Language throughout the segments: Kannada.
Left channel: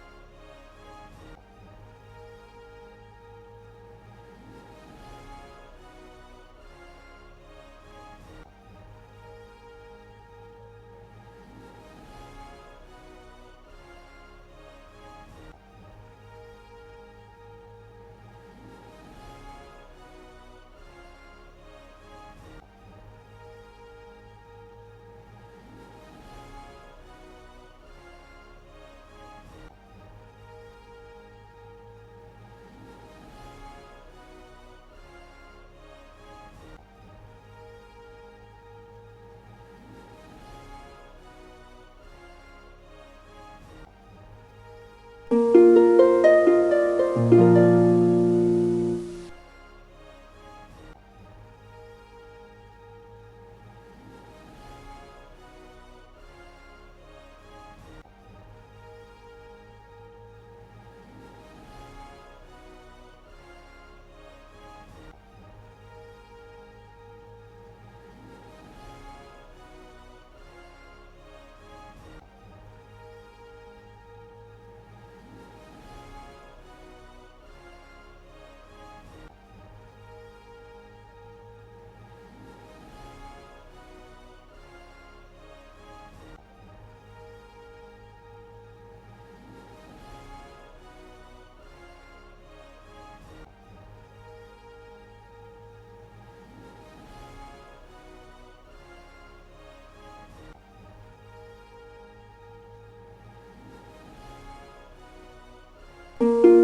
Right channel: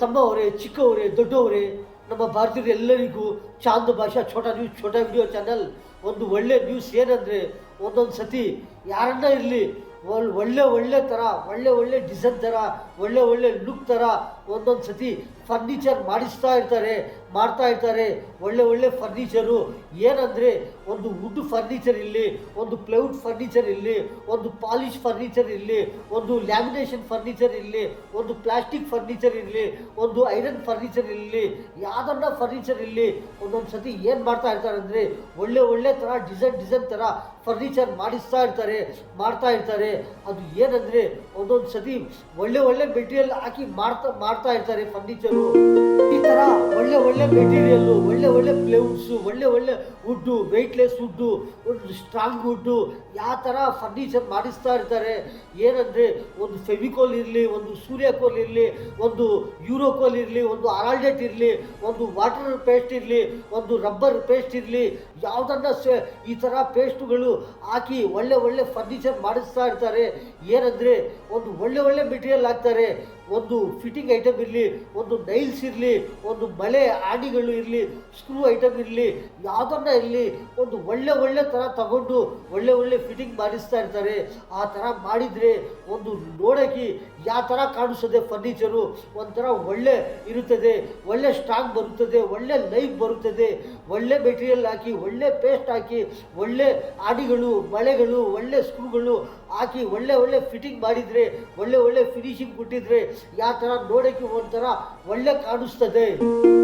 ತಮ್ಮವರೇ, ಚಿಕ್ಕವರೇ, ದೊಡ್ಡವರೇ, ನಮ್ಮ ಭಾರತೀಯರು ಎಲ್ಲರಿಗೂ ಚಾಂದ್ ಭಾಷಾ ಛೋಟಾ ವಿಡಿಯೋ ಚಾನಲ್ ಒಂದು ಒಳ್ಳೆ ನ್ಯೂಸ್ ಏನಂದರೆ, ಒಂದೊಂದು ಸತಿ ಯಾರನ್ನ ಇರಲಿ ಒಳ್ಳೆ ಥರ ಒಳ್ಳೆ ಡಿಸೈನ್ ಥರ ಒಳ್ಳೆ ಲುಕ್ ಥರ ಒಂದೊಂದು ಸತಿ ಫರ್ನಿಚರ್ ಮಾಡ್ತಾ ಇರ್ತಾರೆ ಒಳ್ಳೆ ಫರ್ನಿಚರು. ಏನಂದರೆ ಒಂದು ವುಡ್ ಫರ್ನಿಚರ್ ಇರಲಿ, ಒಂದು ಪ್ಲೈವುಡ್ ಫರ್ನಿಚರ್ ಇರಲಿ, ಒಂದು ಪಾಲಿಶ್ ಫರ್ನಿಚರ್ ಇರಲಿ, ಒಂದು ಲ್ಯಾಮಿನೇಷನ್ ಫರ್ನಿಚರ್ ಇರಲಿ, ಒಂದು ಪ್ಲಾಸ್ಟಿಕ್ ಫರ್ನಿಚರ್ ಇರಲಿ, ಒಂದು ಐರನ್ ಫರ್ನಿಚರ್ ಇರಲಿ, ಯಾವುದನ್ನ ಫರ್ನಿಚರ್ ಇರಲಿ, ಒಂದೊಂದು ಸತಿ ಏನು ಮಾಡ್ತಾ ಇರ್ತಾರೆ ಅಂದರೆ ಒಳ್ಳೆ ಥರ ಡಿಸೈನ್ ಥರ ಫರ್ನಿಚರ್ ಮಾಡ್ತಾ ಇರ್ತಾರೆ. ಅದು ಏನಂದರೆ ಒಂದೊಂದು ಸತಿ ಒಳ್ಳೆ ಮೆಟೀರಿಯಲ್ ಹಾಕಿ ಮಾಡ್ತಾ ಇರ್ತಾರೆ ಫರ್ನಿಚರು. ಈ ಥರ ಒಳ್ಳೆ ಮೆಟೀರಿಯಲ್ಲು, ಒಳ್ಳೆ ಪ್ಲೇವುಡ್ಸು, ಒಳ್ಳೆ ವುಡ್ಡು, ವೆಯ್ಟ್ಲೆಸ್ ವುಡ್ಡು, ಒಂದು ಸ್ಟ್ರಾಂಗ್ ವುಡ್ಡು, ಯಾವ ಥರ ಫರ್ನಿಚರ್ ಮಾಡಿಸ್ತಾ ಇರ್ತಾರೆ. ಏನಂದರೆ ಒಂದು ಫೆವಿಕೋಲ್ ಇರಲಿ, ಒಂದು ಸೂರ್ಯಕೋಲ್ ಇರಲಿ, ಒಂದು ಯೂರೋಕೋಲ್ ಇರಲಿ, ಒಂದು ಅರಾಲ್ಡೆಟ್ ಇರಲಿ, ಒಂದು ವಾಟರ್ ಪೇಸ್ಟ್ ಇರಲಿ, ಒಂದು ರಬ್ಬರ್ ಪೇಸ್ಟ್ ಇರಲಿ, ಯಾವುದನ್ನ ಈ ಥರ ಪೇಸ್ಟುಗಳು ಹಾಕಿ ಒಳ್ಳೆ ಫರ್ನಿಚರ್ ಮಾಡಿಸ್ತಾ ಇರ್ತಾರೆ. ಏನಂದರೆ ಒಂದು ಒಳ್ಳೆ ಮೆಟೀರಿಯಲ್ ಹಾಕ್ತಾರೆ. ಒಂದು ಫಿಟ್ಟಿಂಗ್ ಐಟಮ್ ಇರಲಿ, ಒಂದು ನೈಲ್ಸ್ ಇರಲಿ, ಒಂದು ಮಳೆ ಆಣಿಗಳು ಇರಲಿ, ಸ್ಕ್ರೂ ಐಟಮ್ ಇರಲಿ, ಯಾವುದನ್ನ ಇರಲಿ, ಒಂದು ಒಳ್ಳೆ ಥರ ತಗೊಂಡು ಒಳ್ಳೆ ಫಿಟ್ಟಿಂಗ್ ಮಾಡಿಸ್ತಾ ಇರ್ತಾರೆ. ಆ ಥರ ಮಾಡಿದರೆ ಒಂದು ನೋಡೋಕ್ಕೆ ಯಾವ ಥರ ಕಾಣಿಸ್ತದೆ ಫರ್ನಿಚರು, ಒಂಥರ ಒಳ್ಳೆ ಇರುತ್ತದೆ, ಒಳ್ಳೆ ಸ್ಟ್ರಾಂಗ್ ಬರುತ್ತದೆ, ಒಳ್ಳೆ ಲೈಫ್ ಬರುತ್ತದೆ. ಒಳ್ಳೆ ಮೆಟೀರಿಯಲ್ ಹಾಕಿ, ಒಳ್ಳೆ ಪೇಸ್ಟ್ ಹಾಕಿ, ಒಳ್ಳೆ ಆಣಿಗಳು, ಮಳೆಗಳು, ಒಳ್ಳೆ ಸ್ಕ್ರೂಗಳು ಹಾಕಿ ಒಳ್ಳೆ ಫಿಟ್ಟಿಂಗ್ ಮಾಡಿದರೆ, ಒಳ್ಳೆ ಫಿನಿಶಿಂಗ್ ಕೊಟ್ಟಿದ್ರೆ ಯಾವ ಥರ ನೋಡೋಕ್ಕೆ ಒಂಥರ ಒಳ್ಳೆ ಕಾಣಿಸ್ತದೆ.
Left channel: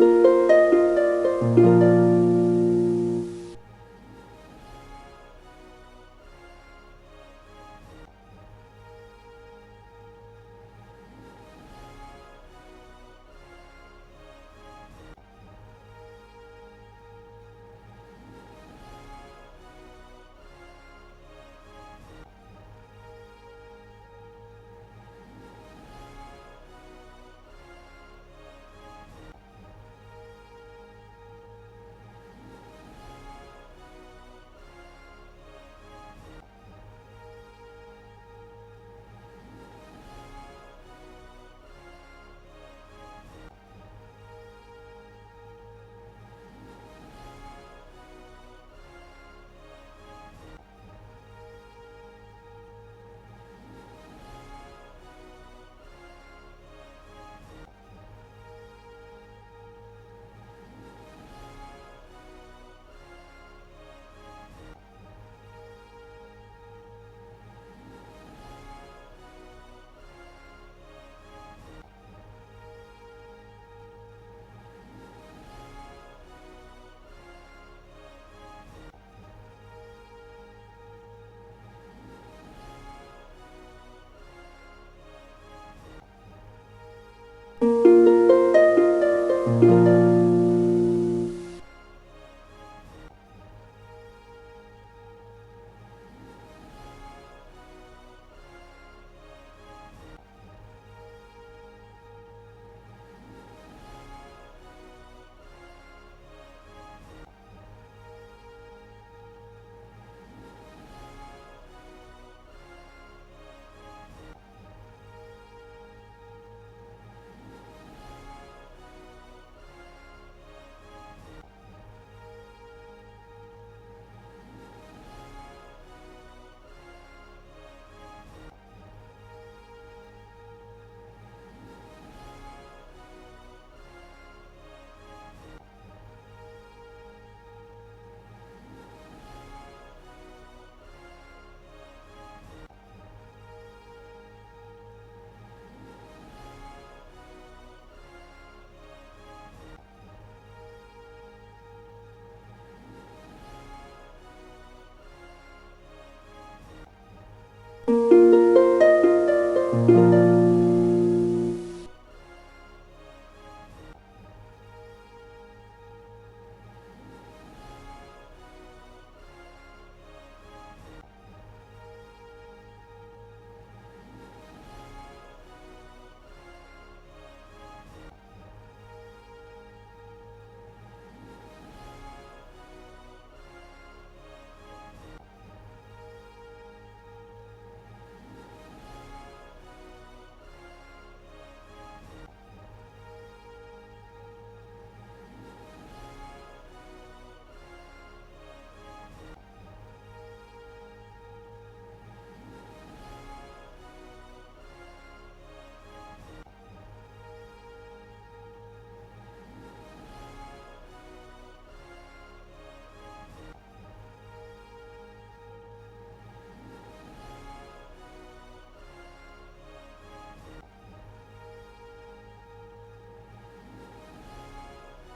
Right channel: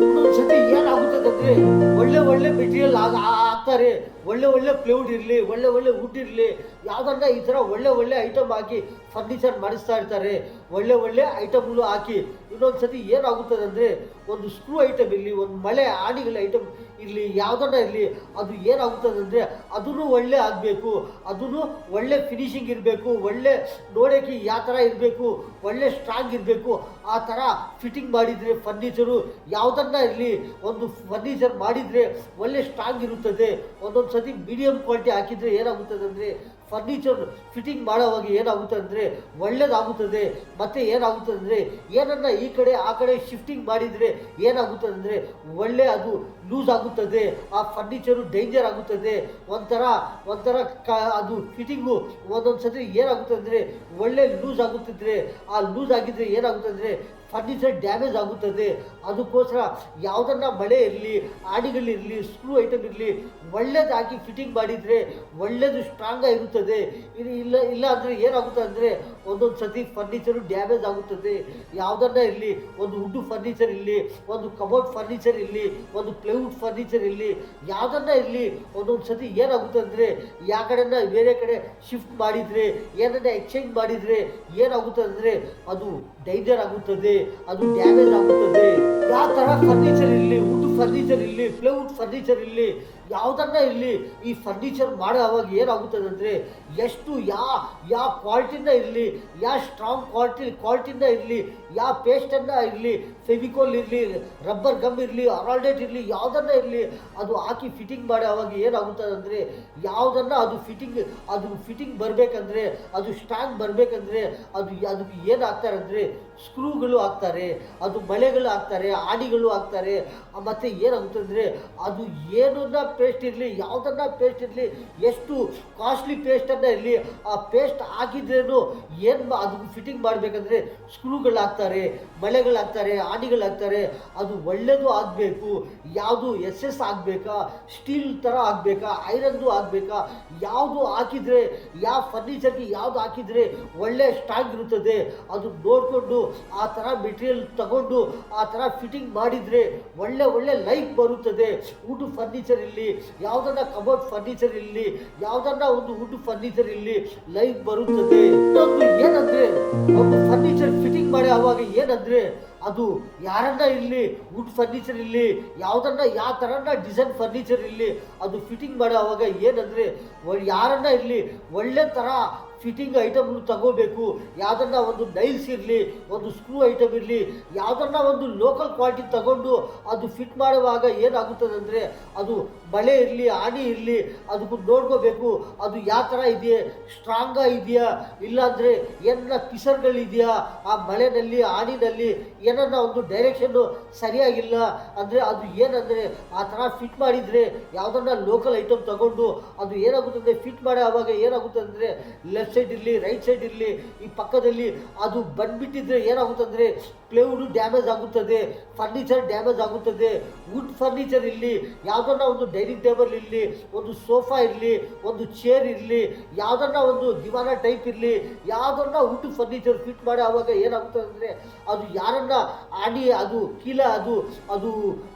ಒಂದೊಂದ್ಸತಿ ಏನಾಗುತ್ತದೆ ಅಂದರೆ ಒಳ್ಳೆ ಮೆಟೀರಿಯಲ್ ಹಾಕ್ತಾರೆ, ಒಳ್ಳೆ ಪ್ಲೈವುಡ್ ಇರಲಿ, ಒಳ್ಳೆ ವುಡ್ ಇರಲಿ, ಯಾವುದನ್ನ ಈ ಥರ ಒಳ್ಳೆ ಐಟಮ್ ಹಾಕಿ ಫರ್ನಿಚರ್ ಮಾಡಿಸ್ತಾ ಇರ್ತಾರೆ. ಒಳ್ಳೆ ಐಟಮ್ಗಳು ಹಾಕಿ ಇನ್ನೊಂದು ಸತಿ ಏನಾಗುತ್ತದೆ ಅಂದರೆ ಒಂದು ಸ್ಕ್ರೂ ಐಟಮ್ ಇರಲಿ, ಒಂದು ಮಳೆ ಆಣಿಗಳ ಐಟಮ್ ಇರಲಿ, ಯಾವುದನ್ನ ಇರಲಿ, ಅದು ಏನಾಗುತ್ತದೆ ಅಂದರೆ ಅದನ್ನು ಒಳ್ಳೆ ಆಗಬೇಕು, ಅದನ್ನು ಒಳ್ಳೆ ಫಿನಿಶಿಂಗ್ ಇರಬೇಕು, ಒಳ್ಳೆ ನೋಡೋಕ್ಕೆ ಯಾವ ಥರ ಇರಬೇಕು, ಒಳ್ಳೆ ಸ್ಟ್ರಾಂಗ್ ಇರಬೇಕು. ಆ ಥರ ಫಿಟ್ಟಿಂಗ್ ಮಾಡಿದರೆ ಫರ್ನಿಚರು ಯಾವುದನ್ನ ಇರಲಿ, ಒಂದು ಫರ್ನಿಚರ್ ಮಾಡಿದರೆ ಒಳ್ಳೆ ಸ್ಟ್ರಾಂಗ್ ಇರುತ್ತದೆ. ಒಂದೊಂದು ಸತಿ ಮೀಡಿಯಮ್ ಕ್ವಾಲಿಟಿ ಹಾಕಿದರೆ ಏನಾಗುತ್ತದೆ ಅಂದರೆ ಫರ್ನಿಚರ್ ಫಿಟ್ಟಿಂಗ್ ಮಾಡೋವಾಗ ಏನಾಗುತ್ತದೆ ಅಂದರೆ ಒಳ್ಳೆಯದಾಗುತ್ತದೆ. ಮತ್ತು ಏನಾಗುತ್ತದೆ ಅಂದರೆ ಏನನ್ನ ಈ ಕಡೆ ಆ ಕಡೆ ಶಿಫ್ಟಿಂಗ್ ಮಾಡಿದರೆ ಏನಾಗುತ್ತದೆ ಅಂದರೆ ಅದು ಲೂಸ್ ಆಗುತ್ತದೆ, ಆ ಫರ್ನಿಚರು ಡೇಂಜರ್ ಆಗುತ್ತದೆ. ಒಂಥರ ಅದು ಫಿಟ್ಟಿಂಗು ಒಂದೊಂದು ಸತಿ ಏನಾಗುತ್ತದೆ ಅಂದರೆ ಒಳ್ಳೆ ಲೂಸ್ ಆಗುತ್ತಿದ್ರೆ, ಆ ಲೂಸ್ ಆಗಿದ್ದರೆ ಏನಾಗುತ್ತದೆ ಅಂದರೆ ಫರ್ನಿಚರ್ ಡ್ಯಾಮೇಜ್ ಆಗುತ್ತದೆ. ಅದಕ್ಕೋಸ್ಕರ ಯಾವುದನ್ನ ಮಳೆ ಇರಲಿ, ಆಣಿಗಳಿರಲಿ, ಸ್ಕ್ರೂ ಐಟಮ್ ಇರಲಿ, ಒಳ್ಳೇದು ಹಾಕಿ ಫಿಟ್ಟಿಂಗ್ ಮಾಡಿದರೆ ಒಳ್ಳೆಯದು ಸ್ಟ್ರಾಂಗ್ ಆಗಿರುತ್ತದೆ. ಇಲ್ಲ ಅಂದರೆ ಏನಾಗುತ್ತೆ ಅಂದರೆ ಒಂದೊಂದು ಸತಿ ಫರ್ನಿಚರು ಡ್ಯಾಮೇಜ್ ಆಗುತ್ತದೆ. ಯಾವುದನ್ನ ಇರಲಿ, ಒಂದು ವುಡ್ ಫರ್ನಿಚರ್ ಇರಲಿ, ಒಂದು ಕಬೋರ್ಡ್ ಫರ್ನಿಚರ್ ಇರಲಿ, ಒಂದು ಪ್ಲೈವುಡ್ ಫರ್ನಿಚರ್ ಇರಲಿ, ಯಾವುದನ್ನ ಇರಲಿ, ಒಂದೊಂದು ಸತಿ ಏನಾಗುತ್ತೆ ಅಂದರೆ ಯಾವ ಕಡೆನ ಬೇರೆ ಕಡೆ ಶಿಫ್ಟ್ ಮಾಡಿದರೆ, ಏನನ್ನ ಎಕ್ಸ್ಚೇಂಜ್ ಮಾಡಿದರೆ ಏನಾಗುತ್ತೆ ಅಂದರೆ ಅದು ಡೇಂಜರ್ ಆಗುತ್ತದೆ, ಅದು ಡ್ಯಾಮೇಜ್ ಆಗುತ್ತದೆ. ಯಾವ ಥರ ಫರ್ನಿಚರ್ ಇರಲಿ, ವುಡ್ ಫರ್ನಿಚರ್ ಇರಲಿ, ಪ್ಲೈವುಡ್ ಫರ್ನಿಚರ್ ಇರಲಿ, ಯಾವುದನ್ನ ಇರಲಿ, ಈ ಫರ್ನಿಚರ್ ಮಾಡೋ ಅವಾಗ ಏನಾಗುತ್ತದೆ ಅಂದರೆ ಎಷ್ಟು ಯಾವ ಕ್ವಾಲಿಟಿಯಿಂದ ಇರಲಿ, ಯಾವ ಸ್ಟ್ರಾಂಗ್ ಕ್ವಾಲಿಟಿಯಿಂದ ಇರಲಿ, ಯಾವ ಪೇಸ್ಟನ್ನು ಇರಲಿ, ಫೆವಿಕೋಲ್ ಇರಲಿ, ರಬ್ಬರ್ ಗಮ್ ಇರಲಿ, ಅರಾಲ್ಡೆಟ್ ಇರಲಿ, ಯಾವುದನ್ನ ಇರಲಿ, ಅದು ಹಾಕಿ ಫಿಟ್ಟಿಂಗ್ ಮಾಡೋ ಅವಾಗ ಏನಾಗುತ್ತದೆ ಅಂದರೆ ಯಾವುದನ್ನು ಅದು ಫಿಟ್ಟಿಂಗ್ ಬರಬೇಕಂದ್ರೆ, ಅದು ಸ್ಟ್ರಾಂಗ್ ಬರಬೇಕಂದ್ರೆ ಅದಕ್ಕೆ ಏನು ಹಾಕ್ತಾರೆ ಅಂದರೆ ಸ್ಕ್ರೂಗಳು ಹಾಕ್ತಾರೆ, ಅದು ಮಳೆಗಳು ಹಾಕ್ತಾರೆ, ಆಣಿಗಳು ಹಾಕ್ತಾರೆ. ಮತ್ತು ಏನಾಗುತ್ತೆ ಅಂದರೆ ಅದು ಏನನ್ನ ಪೇಸ್ಟ್ ಇರಲಿ, ಯಾವುದನ್ನ ಪೇಸ್ಟ್ ಇರಲಿ, ಎಷ್ಟು ಕಾಸ್ಟ್ಲಿ ಪೇಸ್ಟನ್ನು ಇರಲಿ, ಆ ಪೇಸ್ಟ್ ಹಾಕಿದ್ರೇನು ಅದು ಫಿಟ್ಟಿಂಗ್ ಮಾಡಬೇಕಂದ್ರೆ ಸ್ಕ್ರೂಗಳು ಹಾಕ್ತಾರೆ, ಮಳೆಗಳು ಹಾಕ್ತಾರೆ, ಆಣಿಗಳು ಹಾಕ್ತಾರೆ. ಅದು ಒಳ್ಳೆಯದು ಆಗಬೇಕು, ಯಾವುದು SS ಆಗಬೇಕಾ, ಸ್ಟೀಲ್ ಥರ ಆಗಬೇಕಾ, ಐರನ್ದು ಆಗಬೇಕಾ, ಯಾವುದು ಹಾಕಿದರೆ ಯಾವ ಫರ್ನಿಚರ್ಗೆ ಯಾವುದು ಹಾಕಿದರೆ ಒಳ್ಳೆ ಸ್ಟ್ರಾಂಗ್ ಇರುತ್ತದೆ, ಅದು ನೋಡಿಕೊಂಡು ಆ ಥರ ಮೆಟೀರಿಯಲ್ ತಗೊಂಡು ಆ ಥರ ಫಿಟ್ಟಿಂಗ್ ಮಾಡಿದರೆ ಒಳ್ಳೆ ಲೈಫ್ ಬರುತ್ತದೆ. ವುಡ್ ಫರ್ನಿಚರ್ ಇರಲಿ, ಯಾವುದನ್ನ ಕಬೋರ್ಡ್ ಫರ್ನಿಚರ್ ಇರಲಿ, ಯಾವುದನ್ನ ಒಂದು ವುಡ್ ಫರ್ನಿಚರ್ ಇರಲಿ, ಲೈಫ್ ಬರುತ್ತದೆ. ಏನಂದರೆ ಫರ್ನಿಚರ್ ಫಿಟ್ಟಿಂಗ್ ಮಾಡಿ ಆವಾಗ ಏನಂದರೆ ಅದು ಯಾರನ್ನ ಇರಲಿ, ವುಡ್ ಫರ್ನಿಚರ್ ಇರಲಿ, ಯಾವುದನ್ನ ಯಾವ ಥರನ ಡಿಸೈನ್ ಫರ್ನಿಚರ್ ಇರಲಿ, ಅದು ಫಿಟ್ಟಿಂಗ್ ಮಾಡೋ ಆವಾಗ ಏನಂದರೆ ಯಾರನ್ನ ಇರಲಿ ಒಳ್ಳೆ ಥರ ಫಿಟ್ಟಿಂಗ್ ಐಟಮ್ಗಳು ತಗೋಬೇಕು. ಯಾವುದನ್ನ ಒಂದು ನೈಲ್ಸ್ ಇರಲಿ, ಒಂದು ಸ್ಕ್ರೂ ಐಟಮ್ ಇರಲಿ, ಯಾವುದನ್ನ ಒಂದು ಲೋಕಲ್ ಕ್ವಾಲಿಟಿ ತಗೊಂಡು ಅದು ಫಿಟ್ ಮಾಡುವಾಗ ಏನಾಗುತ್ತದೆ ಅಂದರೆ ಅದು ಬಳೆ ಇರಲಿ ಆಣಿ ಇರಲಿ ಅದಕ್ಕೂ ನೋಡ್ಕೋಬೇಕು ಅದು ಯಾವ ಥರ ಇದೆಯಾ, ಸ್ಟ್ರಾಂಗ ಇದೆಯಾ, ಇಲ್ಲಾಂದರೆ ಏನಾರ ಪಿಸರ್ಗಳಿದೆಯಾ ಆ ಬಳೆನಲ್ಲಿ ಆಣಿನಲ್ಲಿ, ಏನನ್ನ ಒಂದು ಡೈರೆಕ್ಷನ್ನು ಸರಿಯಾಗಿಲ್ಲ ಅಂದರೆ ಅದು ಏನಂದರೆ ಆ ಥರ ಫಿಟ್ ಮಾಡಿದರೆ ಯಾವುದನ್ನ ಲೋಕಲ್ ಐಟಮ್ ತಗೊಂಡು ಅದು ಏನಾಗುತ್ತೆ ಅಂದರೆ ಫಿಟ್ ಮಾಡೋ ಆವಾಗ ಏನಾಗುತ್ತೆ ಅಂದರೆ ಲೆಫ್ಟ್ ಸೈಡ್ ಇರಲಿ ರೈಟ್ ಸೈಡ್ ಇರಲಿ ಈ ಪಕ್ಕದಲ್ಲಿ ಅದು ಬಂದ್ಬಿಟ್ಟಿದ್ರೆ ಏನಾಗುತ್ತೆ ಅಂದರೆ ಪ್ಲೇವುಡ್ ಡ್ಯಾಮೇಜ್ ಆಗುತ್ತದೆ, ಫರ್ನಿಚರ್ ಡ್ಯಾಮೇಜ್ ಆಗುತ್ತದೆ. ವುಡ್ ಫರ್ನಿಚರ್ ಇರಲಿ, ಯಾವುದನ್ನ ಒಂದು ಡೈನಿಂಗ್ ಟೇಬಲ್ ಇರಲಿ, ಒಂದು ಸೋಫಾ ಇರಲಿ, ಒಂದು ಚೇರ್ ಇರಲಿ, ಯಾವುದನ್ನ ಒಂದು ದಿವಾನ ಟೈಪ್ ಇರಲಿ, ಯಾವುದನ್ನ ವುಡ್ ಫರ್ನಿಚರ್ ಫಿಟ್ ಮಾಡಿ ಆವಾಗ ಏನಾಗುತ್ತೆ ಅಂದರೆ ಅದು ಯಾರನ್ನ ಆಡಿ ಅದು ಕೀಲ ಅದು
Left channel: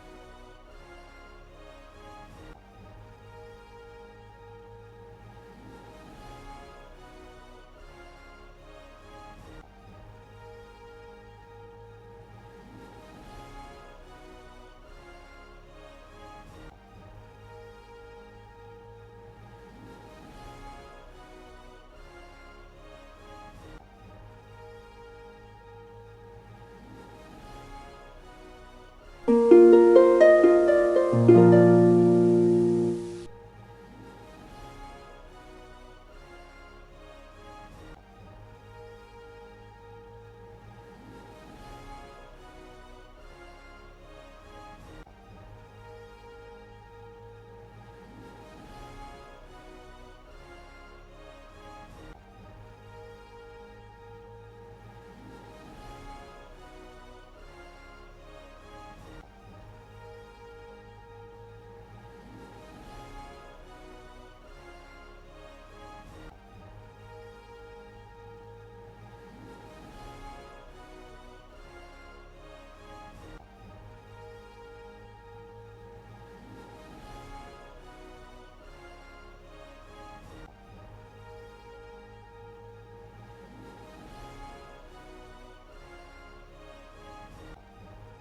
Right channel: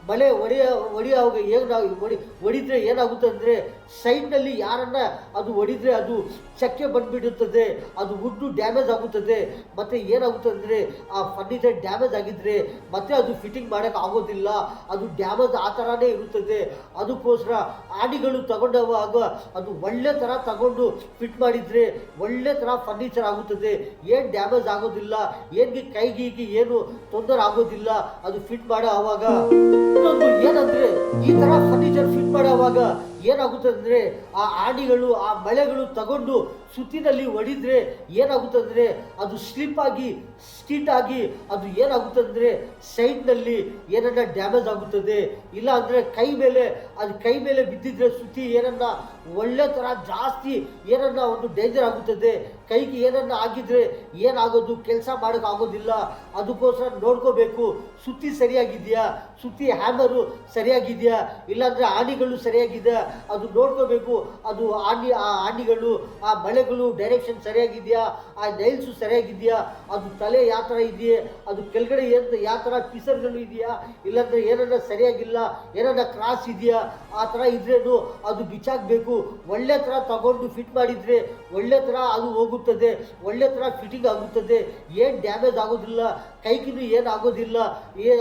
ಮಳೆ ಹೊಡೆಯುವಾಗ ಹೇಗೆ ನಾವು ಹೊಡಿದ್ರೆ ಏನಾಗುತ್ತೆ ಅಂದರೆ ಸೈಡ್ನಲ್ಲಿ ಯಾರನ್ನ ಅದು ಹೊಡಿದ್ರೆ ಅದು ಚಕ್ಕೆ ಬಂದುಬಿಡುತ್ತದೆ, ಅದು ವುಡ್ಡು ಡ್ಯಾಮೇಜ್ ಆಗುತ್ತದೆ. ಮತ್ತು ಏನಾಗುತ್ತೆ ಅಂದರೆ ಆ ಫರ್ನಿಚರ್ ಡ್ಯಾಮೇಜ್ ಆಗಿದ್ದರೆ ಮತ್ತೆ ಅದು ಫಿಟ್ಟಿಂಗ್ ಮಾಡೋಕ್ಕೆ ಆಗೋದಿಲ್ಲ, ಅದು ಡ್ಯಾಮೇಜ್ ಆ ಥರನೇ ಇರುತ್ತದೆ. ಅದಕ್ಕೋಸ್ಕರ ಆಡಿಗಳು ತಗೊಂಡವಾಗ ಅದು ಒಳ್ಳೆ ಥರ ತಗೊಂಡು ಫಿಟ್ ಮಾಡಿದರೆ ಒಳ್ಳೆ ಥರ ಫರ್ನಿಚರ್ ಆಗುತ್ತದೆ, ಏನು ಡ್ಯಾಮೇಜ್ ಆಗೋದಿಲ್ಲ, ಏನಿಗೆ ಕೈಗೀಗಿ ಏನು ತೊಂದರೆ ಆಗೋದಿಲ್ಲ ಅದು ಫಿಟ್ ಮಾಡೋ ಆವಾಗ. ಏನಂದರೆ ಈ ಥರ ಫರ್ನಿಚರ್ ಫಿಟ್ ಮಾಡೋವಾಗ ಏನಾಗುತ್ತೆ ಅಂದರೆ ಆ ಆಡಿಗಳು ಆ ಬಳೆಗಳು ತಗೊಂಡು ಸುತ್ತಿನಲ್ಲಿ ಹೊಡಿದ್ರೆ ಏನಾಗುತ್ತೆ ಅಂದರೆ ಅದು ಸ್ಲಿಪ್ ಆಗಿ ಸ್ಟೀಟ್ ಆಗಿ ಅದು ಏನಾಗುತ್ತೆ ಅಂದರೆ ಸೈಡ್ನಲ್ಲಿ ಏನನ್ನ ಡ್ಯಾಮೇಜ್ ಆಗುತ್ತದೆ. ಇಲ್ಲ ಅಂದರೆ ಕೈ ಮೇಲೆ ಬಿದ್ದಿದ್ರೆ ಸುತ್ತಿ ಏನನ್ನ ಒಳ್ಳೆ ಥರ ಜಾಸ್ತಿ ಏನನ್ನ ಒಂದು ಡೇಂಜರ್ ಆಗುತ್ತದೆ, ಕೈಗೆ ಏನನ್ನ ಆಗಿದ್ರೆ ಏನಾಗೋದು ಕೆಲಸ ಮಾಡೋಕೆ ಆಗೋದಿಲ್ಲ. ಅದಕ್ಕೋಸ್ಕರ ನೋಡ್ಕೋಬೇಕು ಸುತ್ತಿ ಸರಿಯಾಗಿದೆಯಾ, ಸುತ್ತಿ ಹ್ಯಾಮರು ಸರಿಯಾಗಿದೆಯಾ, ಇಲ್ಲಾಂದರೆ ಆಣಿಗಳು ಸರಿಯಾಗಿದೆಯಾ ಅದು ನೋಡ್ಕೋಬೇಕು. ಅದು ಆ ಆಣಿಗಳು ಆ ಬಳೆಗಳು ಡೈರೆಕ್ಷನ್ ಸರಿಯಾಗಿದೆಯಾ, ಆ ನೈಲ್ಸು ಸರಿಯಾಗಿದೆಯಾ, ಅದು ತಲೆ ಯಾವ ಥರ ಇದೆಯೇ, ಅದು ಕೆಳಗಡೆ ಯಾವ ಥರ ಪಿಸರ್ಗಳು ಇದೆಯಾ, ಇಲ್ಲಾಂದರೆ ಏನನ್ನ ಸರಿಯಾಗಿಲ್ಲ, ಏನನ್ನ ಕ್ರಾಸ್ ಇದೆಯಾ, ಆ ಥರ ಇದ್ರೇನು ಅದು ಬಿಚ್ಚಾಕಬೇಕು. ಒಳ್ಳೆ ಥರ ತಗೊಂಡು ಫಿಟ್ ಮಾಡಿದರೆ ಒಳ್ಳೆ ಥರ ಅದು ಹೋಗುತ್ತದೆ, ಒಳ್ಳೆ ಥರ ಫಿಟ್ಟಿಂಗ್ ಆಗುತ್ತದೆ, ಏನು ಡ್ಯಾಮೇಜ್ ಆಗೋದಿಲ್ಲ, ಕೈಗಿನೂ ಏನು ಆಗೋದಿಲ್ಲ,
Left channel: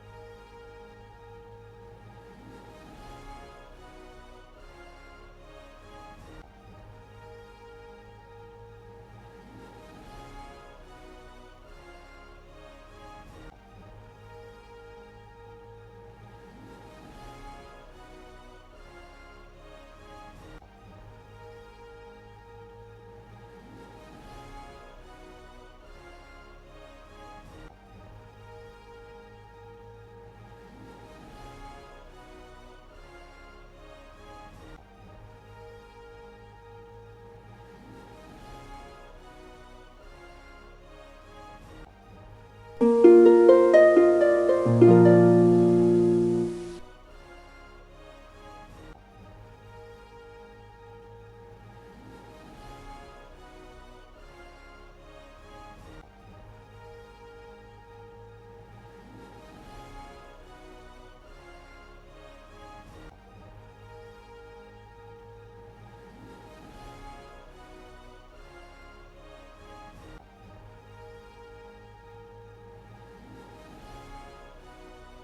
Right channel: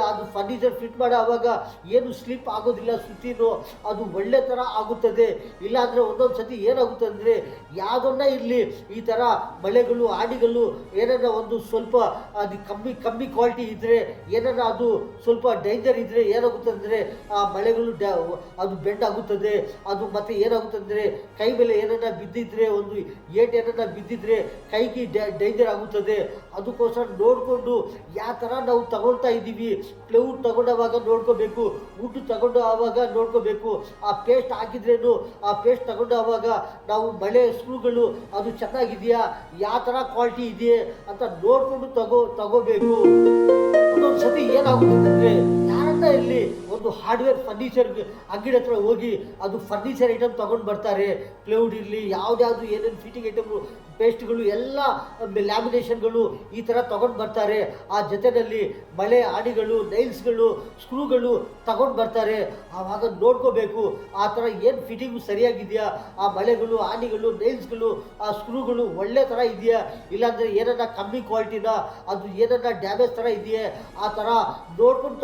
ಅದು ಫರ್ನಿಚರ್ ಫಿಟ್ ಮಾಡೋ ಆವಾಗ ಏನು ಸ್ಲಿಪ್ ಆಗೋದಿಲ್ಲ, ಸುತ್ತಿನೂ ಅದು ಒಳ್ಳೆ ಥರ ಆಗುತ್ತದೆ. ಇಲ್ಲಾಂದರೆ ಒಂದೊಂದು ಸತಿ ಏನಾಗುತ್ತೆ ಅಂದರೆ ಯಾವುದನ್ನ ಇರಲಿ ಈ ಥರ ಬಳೆಗಳು ಆಡಿಗಳು ಏನನ್ನ ಒಂದು ಸ್ವಲ್ಪ ಅದು ಕಮ್ಮಿ ಕ್ವಾಲಿಟಿ ಇದ್ದರೆ ಏನನ್ನ ಅದು ಸ್ವಲ್ಪ ಡೇಂಜರ್ ಇದ್ದರೆ ಏನಾಗುತ್ತೆ ಅಂದರೆ ಆ ಬಳೆಗಳು ಅದು ಬೆಂಡ್ ಆಗುತ್ತದೆ. ಅದು ಮತ್ತೆ ಏನಾಗುತ್ತೆ ಅಂದರೆ ಕೈ ಮೇಲೆ ಏನನ್ನ ಬಿದ್ದಿದ್ರೆ ಒಂದು ಏನನ್ನ ಬಿದ್ದಿದ್ರೆ ಕೈಗೆ ಡೇಂಜರ್ ಆಗುತ್ತದೆ. ಅದಕ್ಕೋಸ್ಕರ ನೋಡಿಕೊಂಡು ಯಾವ ಥರ ನಾವು ತಗೊಳ್ತಾ ಇದ್ದೀವಿ, ಪ್ಲೇವುಡ್ ತಗೊಂಡಾಗ ನೋಡ್ಕೋಬೇಕು, ವುಡ್ ತಗೊಂಡು ಆವಾಗ ನೋಡ್ಕೋಬೇಕು. ಆ ಪೇಸ್ಟ್ ಹಾಕಿದ್ರೇನು ಆ ಪೇಸ್ಟ್ ತಗೊಂಡಾಗ ನಾವು ಬಳೆ ಸ್ಕ್ರೂಗಳು ಅದು ಚೆನ್ನಾಗಿದೆಯಾ, ಯಾವ ಥರ ಕ್ವಾಲಿಟಿ ಇದೆಯೇ ಅಂತ ನೋಡ್ಕೊಂಡು ತಗೋಬೇಕು. ಒಂದೊಂದ್ಸತಿ ಏನಾಗುತ್ತೆ ಯಾರನ್ನ ಇಲ್ಲಿ ಒಂದು ಹಾರ್ಡ್ವೇರ್ ಫರ್ನಿಚರ್ ಅಂಗಡಿ ಹತ್ರ ಹೋಗಿ ಅದು ಫರ್ನಿಚರ್ ಐಟಮ್ ತಗೊಂಡು ಬರ್ತಾರೆ, ಪ್ಲೇವುಡ್ ಇರಲಿ ಯಾವ್ದು ಏನೇನು ಫಿಟ್ಟಿಂಗ್ ಐಟಮ್ ಪೇಸ್ಟ್ಗಳು ಎಲ್ಲ ಲ್ಯಾಮಿನೇಷನ್ಗಳು ಈ ಥರ ತಗೊಂಡು ಬರ್ತಾರೆ. ಆ ಜೊತೆಯಲ್ಲಿ ಬಳೆ ಆಣಿಗಳು ನೈಲ್ಸ್ಗಳು ಸ್ಕ್ರೂಗಳು ತಗೊಂಡು ಬರ್ತಾರೆ. ಆವಾಗ ನೋಡ್ಕೋಬೇಕು ಆ ಥರ ಏನು ಫಿಟ್ಟಿಂಗು ಸರಿಯಾಗಿದೆಯಾ, ಆ ಬಳೆಗಳು ಆಣಿಗಳು ನೈಲ್ಸ್ಗಳು ಆ ಸ್ಕ್ರೂಗಳು ಒಳ್ಳೆ ಥರ ಇದೆಯಾ, ಇಲ್ಲಾಂದರೆ ಏನನ್ನ ಕಮ್ಮಿ ಕ್ವಾಲಿಟಿನ ಅದು ಏನನ್ನ ಡ್ಯಾಮೇಜ್ ಥರ ಇದೆಯೇ ಆ ಥರ ನೋಡ್ಕೊಂಡು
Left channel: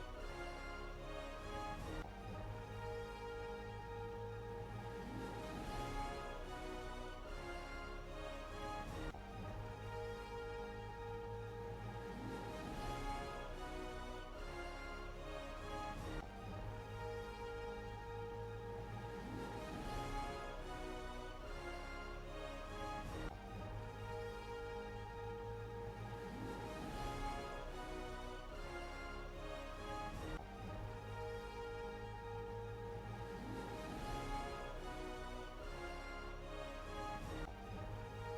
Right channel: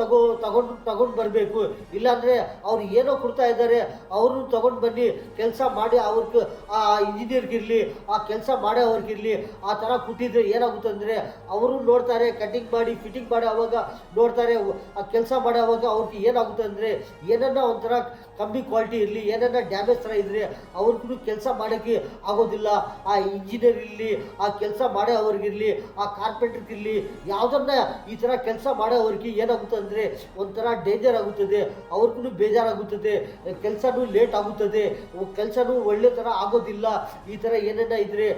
ತಗೊಂಡು ಬರಬೇಕು. ಇಲ್ಲಾಂದರೆ ಅವ್ರು ಏನೋ ಕೊಡ್ತಾ ಇದ್ದಾರೆ ಅವರು ತಗೊಂಡು ಬನ್ನಿ ಕೆಲಸ ಮಾಡಿ ಅವ್ರಿಗೆ ಆ ಇಂಜಿನಿಯರ್ಗಿರಲಿ ಆ ಕೆಲಸ ಮಾಡೋವ್ರಿಗಿರಲಿ ಆ ಥರ ಕೊಟ್ಟಿದ್ರೆ ಏನಾಗುತ್ತೆ ಅಂದರೆ ಅವರು ನೋಡ್ತಾರೆ ಕಟಿಂಗ್ ಮಾಡಿ ಫಿಟ್ಟಿಂಗ್ ಮಾಡೋ ಅವಾಗ ನೋಡ್ತಾರೆ, ಆ ಕೆಲಸ ಮಾಡೋವಾಗ ಅವ್ರಿಗೆ ಏನಾಗುತ್ತೆ ಅಂದರೆ ಏನನ್ನ ಒಂಥರ ಕಮ್ಮಿ ಕ್ವಾಲಿಟಿ ಇರಲಿ ಏನನ್ನ ಡ್ಯಾಮೇಜ್ ಥರ ಇದ್ದರೆ ಅವ್ರಿಗೂ ಕೆಲಸ ಮಾಡೋಕ್ಕೆ ಆಗೋದಿಲ್ಲ. ಆ ಇಂಜಿನಿಯರ್ ಇರಲಿ ಆ ಕೆಲಸ ಮಾಡೋವ್ರಿಗಿರಲಿ ಆ ಕಾರ್ಪೆಂಟ್ರಿಗಿರಲಿ ಯಾವುದನ್ನ ಈ ಥರ ಕೆಲಸ ಮಾಡೋವ್ರಿಗೆ ಏನಾಗುತ್ತೆ ಅಂದರೆ ಒಂಥರ ಡೇಂಜರ್ ಆಗುತ್ತದೆ, ಅವ್ರಿಗೂ ಬೇಜಾರಾಗುತ್ತದೆ, ಕೆಲಸನೂ ಲೇಟ್ ಆಗುತ್ತದೆ, ಕೆಲಸನೂ ಒಳ್ಳೆ ಥರ ಆಗೋದಿಲ್ಲ. ಈ ಥರ ಏನನ್ನ ಇದ್ದರೆ